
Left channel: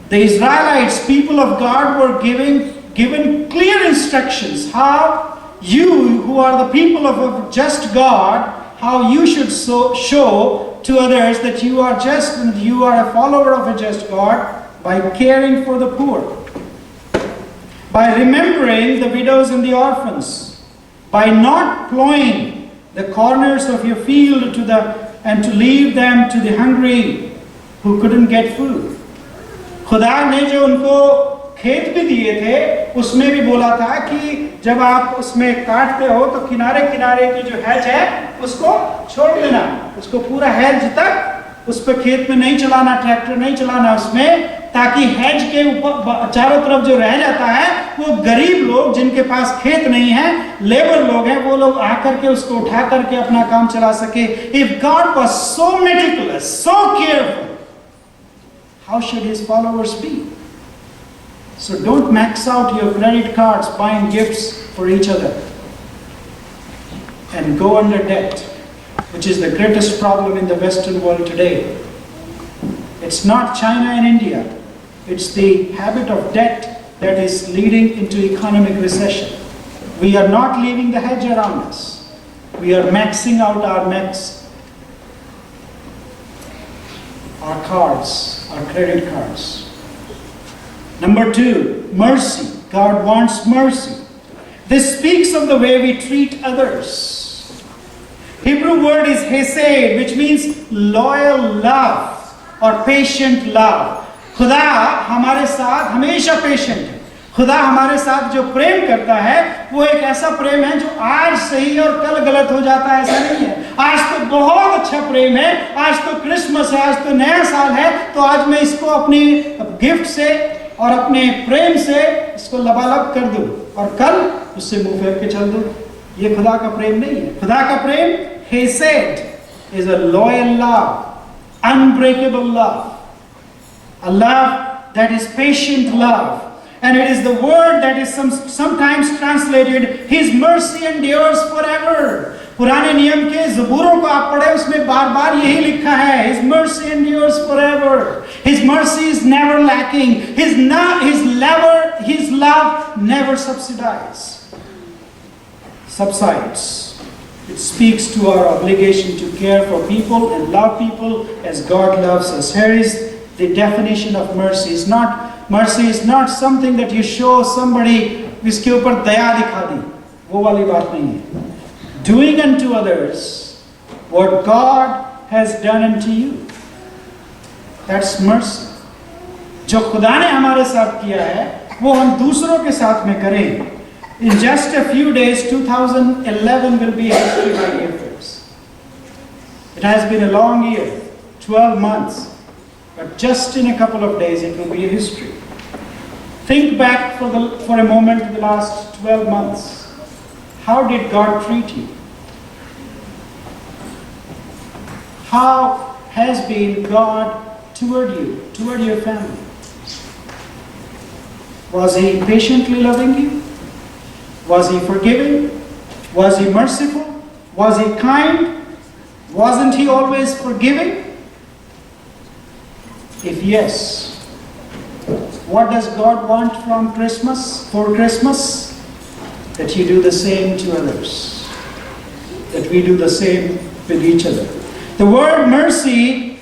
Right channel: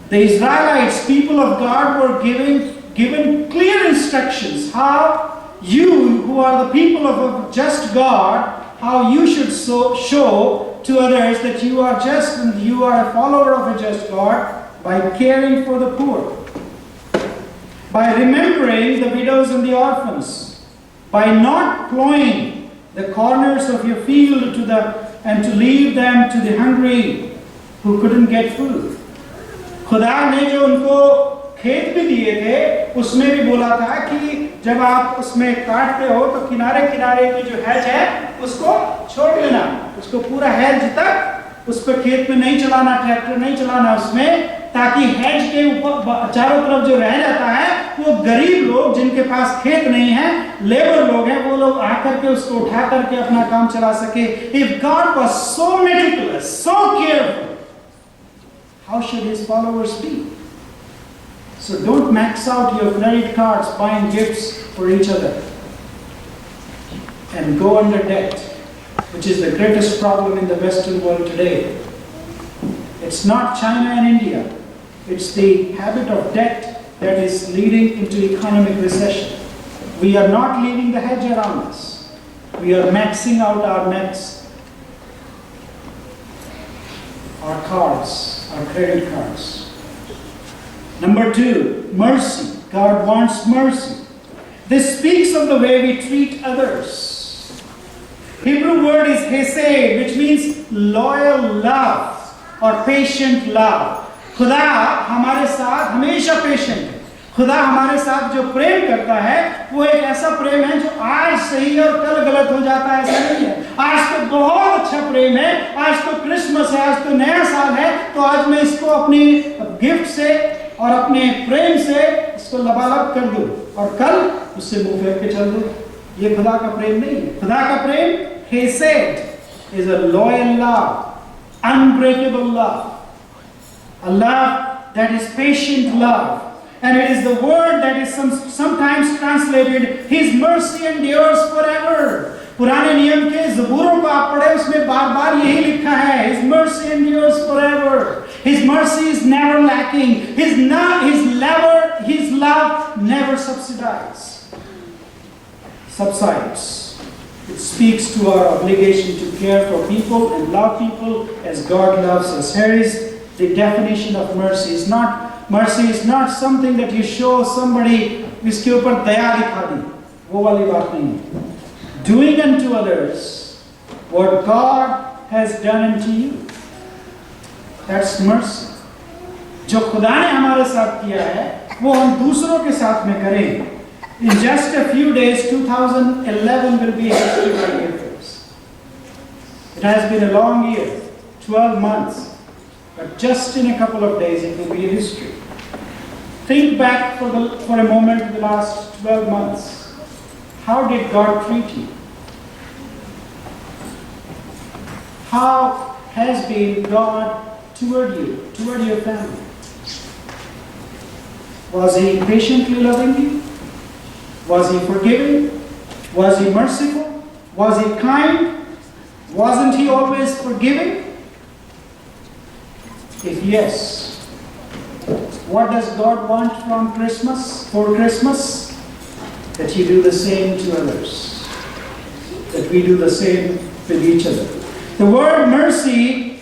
the Israelites, people of God, were given clear instructions how you, who are the people of a just God, how you should show to others that you are just and you are a follower of a just God by caring for the poor, by remembering the widows and the orphans, by not plowing the corners of your field and to leave them to the hungry who couldn't get food. खुदा ने जो उनको खेत भी दिए थे, उसमें भी बोला था कि जब आप उसमें काटते हो तो किनारे किनारे की जो हैज है उसको छोड़ देना. उसको पूरा हैज तक उस पर खेत में नहीं चलाना, ट्रैक्टर नहीं चलाना उसमें, ताकि हैज के ऊपर चारों तरफ जो रह जाता है वो गरीब लोग जिनके पास खेत नहीं है, लेबर लोग हैं, वो लोग आकर के उसको उठा करके अपना काम चला सके. If God was so meticulous, so careful, how should His followers be? So don't max out your credit cards buying gifts for each other and go under debt, which is the greatest problem in the Western world today. It's not China and India. It's the habit of debt that is leading into economic recession. We are not leaving the hedge around us. We are maxing out our nets, our cards, our credit cards. Number two, mercy. God wants mercy. This speaks of the way we treat others. Hebrew word is hesed, which means loyal love or patient love. खुदा हमारे साथ हमेशा patient है. खुदा हमारे साथ जो प्रेम करता है वो एक ऐसा प्रेम है जो आज सही और कल गलत हो जाता है, ऐसा नहीं है. आज तो बहुत अच्छा प्रेम है, आज तो क्रिसमस है, आज तो नया साल है, तो आज मैं इसको अपनी गिफ्ट से और अपने प्रेम से इसको लबालब कर दूं और कल उससे मुंह फेर के चल दूं. ये खुदा का प्रेम नहीं है. खुदा का प्रेम hesed is a loyal love, unbreakable love, a love that is patient love. And it is the word that is sometimes translated, His mercy endures forever. पुराने नियम के ज़बूरों को आप पढ़े, उसमें बार-बार यही लिखा है, His mercy endures forever. His mercy is never lacking. His love never subsides. It speaks to our obligation to care for people and love people as God loves us. Here is the definition of mercy. Mercy is not something that you show somebody जिसके ऊपर दया दिखा दी, वो वाली बात नहीं है. Doing unto others what God has done unto you. That's mercy. जो खुदा ने हमारे साथ किया है वो हम दूसरों के साथ में करें. In just a few days, 2011 will be a history by year for us. It has been a long year, 12 months. But just in a couple of days, it will be a history. Think back for a moment to the last 12 months. How did God treat you? How has been God toward you, toward your family? Was He patiently loving you? Was He forgiving? Was He merciful? Was He kind? Wasn't He always forgiving? If yes, what does God want from Christmas, for Christmas? That you do the same to others. That we do the same with each other. The word mercy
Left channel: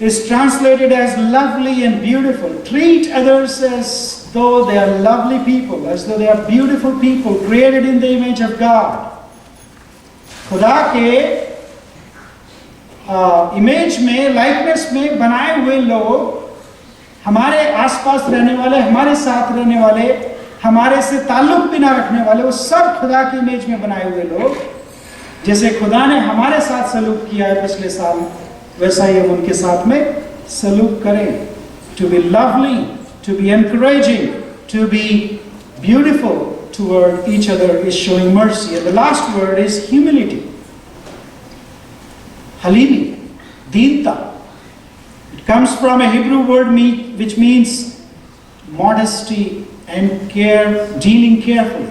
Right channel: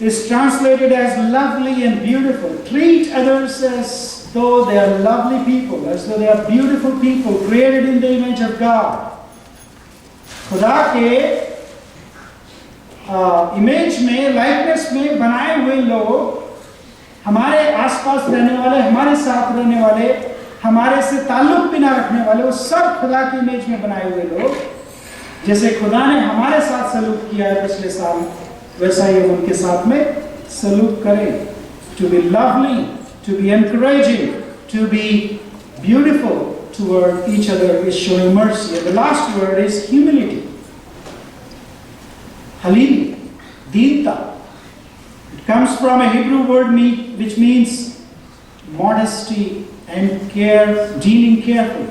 is translated as lovely and beautiful. Treat others as though they are lovely people, as though they are beautiful people created in the image of God. खुदा के image में, likeness में बनाए हुए लोग, हमारे आसपास रहने वाले, हमारे साथ रहने वाले, हमारे से ताल्लुक भी ना रखने वाले, वो सब खुदा के इमेज में बनाए हुए लोग, जैसे खुदा ने हमारे साथ सलूक किया है पिछले साल, वैसा ही हम उनके साथ में सलूक करें. To be lovely, to be encouraging, to be beautiful toward each other is showing mercy. And the last word is humility. Halimi, Deenta. It comes from a Hebrew word which means modesty and care, dealing carefully.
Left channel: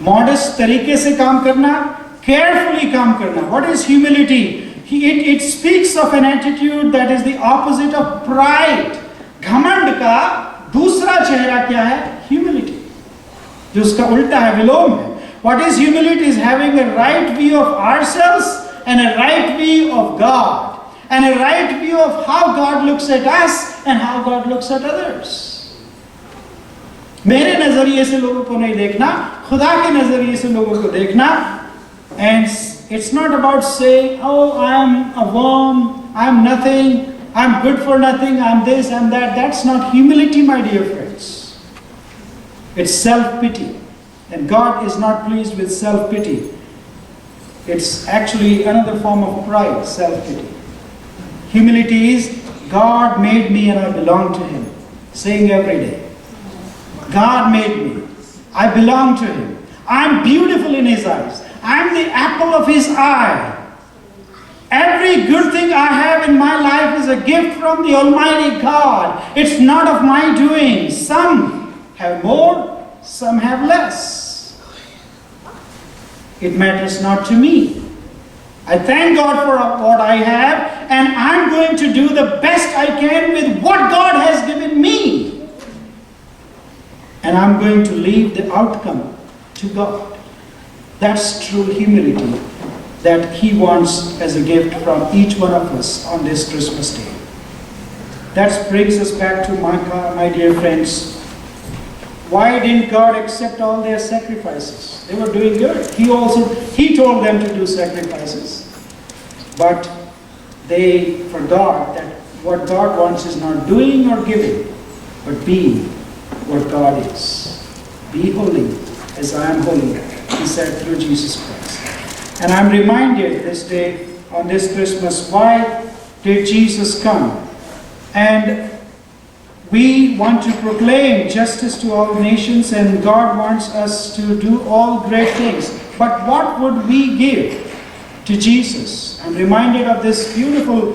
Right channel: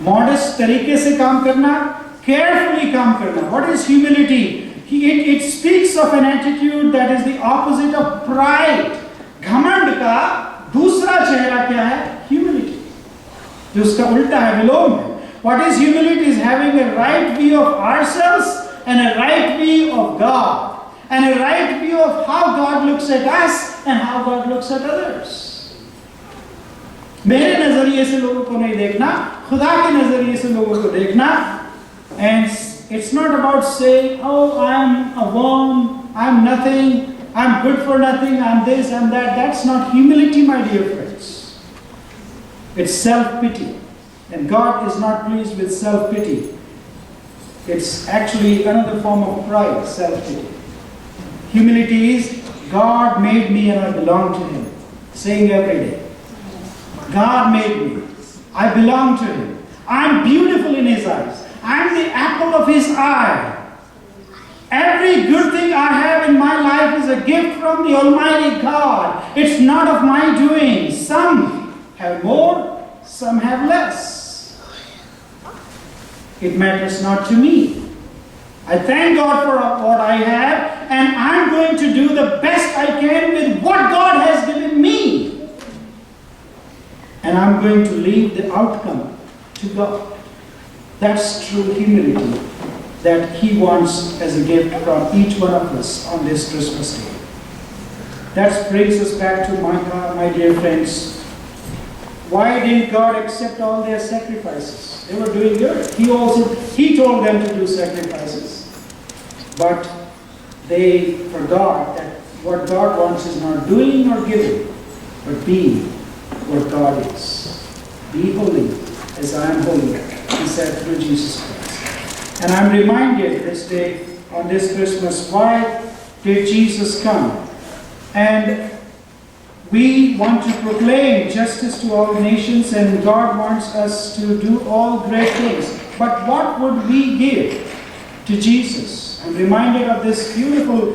Modest तरीके से काम करना, carefully काम करना. What is humility? It speaks of an attitude that is the opposite of pride. घमंड का दूसरा चेहरा क्या है? Humility. जो उसका उल्टा है, विलोम है. What is humility? Is having a right view of ourselves and a right view of God, and a right view of how God looks at us and how God looks at others. मेरे नजरिए से लोगों को नहीं देखना, खुदा के नजरिए से लोगों को देखना. And it's not about saying, oh, I'm a worm, I'm nothing, I'm good for nothing, I'm this, I'm that. That's not humility, my dear friends. It's self-pity. And God is not pleased with self-pity. It's actually another form of pride, self-pity. Humility is, God made me and I belong to Him. Saying every day, God made me, I belong to Him. I'm beautiful in His eyes. I'm the apple of His eye. Every good thing I have in my life is a gift from the Almighty God. It's not of my doing. Some have more, some have less. It matters not to me. I thank God for what I have, and I'm going to do the best I can with what God has given me. And I'm going to leave the outcome to God. That's true humility that He wants as a gift from each one of us on this Christmas day. That brings us back to my dear friends. Why didn't God accept all their sacrifices? They were doing good. He told them to do sacrifices. But they forgot that what God wants is not doing or giving, but being what God is. Be holy as I am holy, He said through Jesus Christ. And I'm reminded this day, on this Christmas, why did Jesus come? And we want to proclaim justice to all nations, and God wants us to do all great things. But what would we give to Jesus? I'm reminded of this beautiful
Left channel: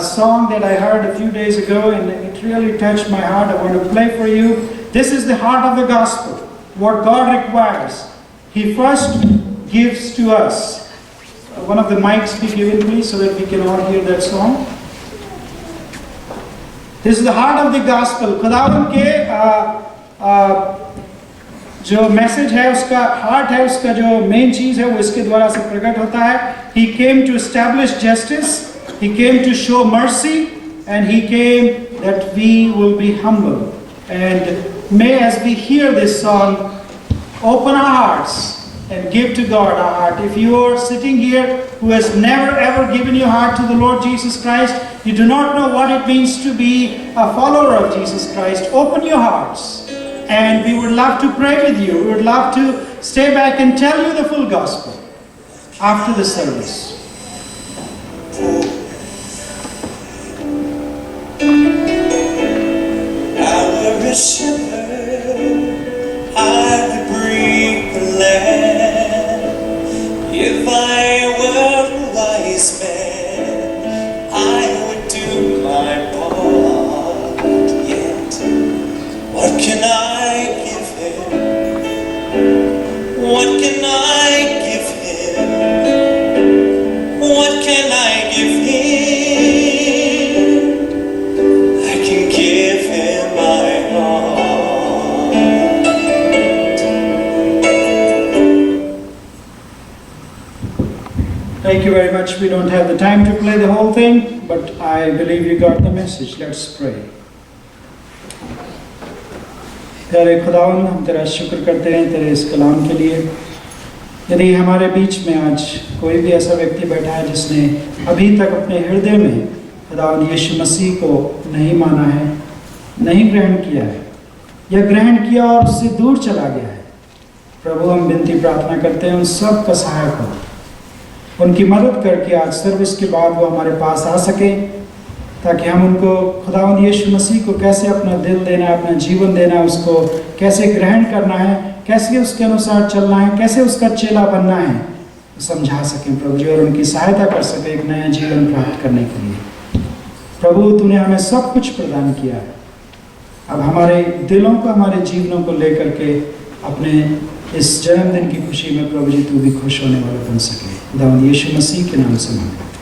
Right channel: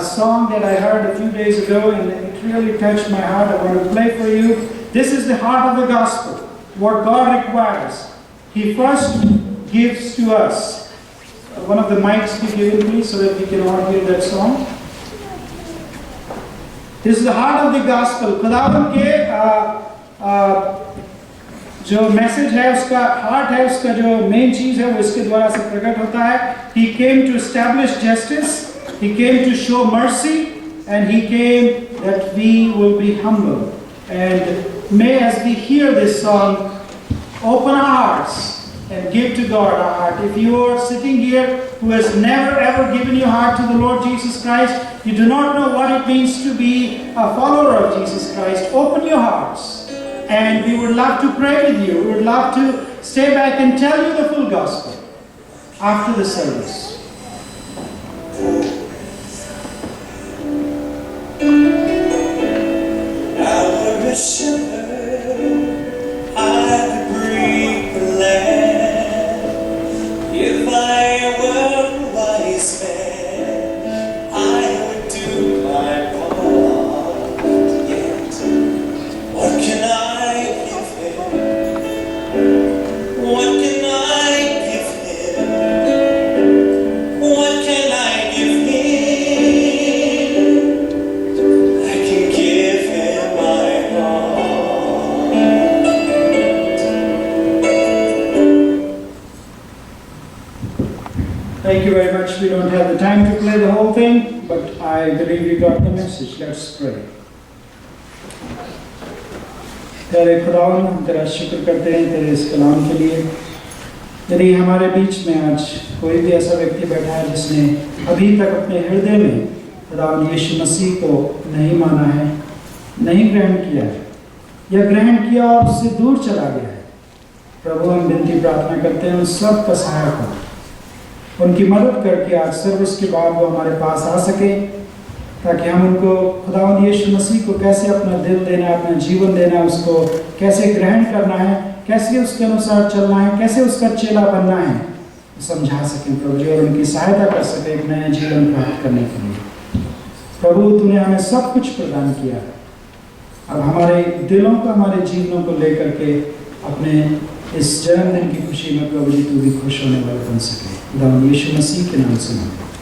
song that I heard a few days ago, and it really touched my heart. I want to play for you. This is the heart of the gospel. What God requires, He first gives to us. One of the mics be given, please, so that we can all hear that song. This is the heart of the gospel. खुदावंद के जो message है, उसका heart है, उसका जो main चीज है, वो इसके द्वारा से प्रकट होता है. He came to establish justice. He came to show mercy, and He came that we will be humble. And may, as we hear this song, open our hearts and give to God our heart. If you are sitting here who has never ever given your heart to the Lord Jesus Christ, you do not know what it means to be a follower of Jesus Christ, open your hearts. And we would love to pray with you. We would love to stay back and tell you the full gospel after the service. Our shepherd, I would bring the land. If I were a wise man, I would do my part. Yet, what can I give Him? What can I give Him? What can I give Him? much. We don't have the time to play the whole thing, but I believe you got the message. Let's pray. तेरे खुदावंद, हम तेरा शुक्र करते हैं तेरे इस कलाम के लिए। यदि हमारे बीच में आज कोई भी ऐसा व्यक्ति बैठा है जिसने अभी तक अपने हृदय में खुदावंद यीशु मसीह को नहीं माना है, नहीं ग्रहण किया है, या ग्रहण किया और उससे दूर चला गया है, प्रभु हम विनती प्रार्थना करते हैं उन सब का सहायक हो, उनकी मदद करके आज सर्विस के बाद वो हमारे पास आ सके, ताकि हम उनको खुदावंद यीशु मसीह को कैसे अपना दिल देना है, अपना जीवन देना है, उसको कैसे ग्रहण करना है, कैसे उसके अनुसार चलना है, कैसे उसका चेला बनना है, समझा सकें प्रभु जी, और उनकी सहायता कर सके एक नया जीवन प्राप्त करने के लिए। प्रभु तूने हमें सब कुछ प्रदान किया है, अब हमारे दिलों को, हमारे जीवनों को लेकर के अपने इस जन्मदिन की खुशी में प्रभु जी तू भी खुश होने वाला बन सके। खुदावंद यीशु मसीह के नाम से मांगते हैं।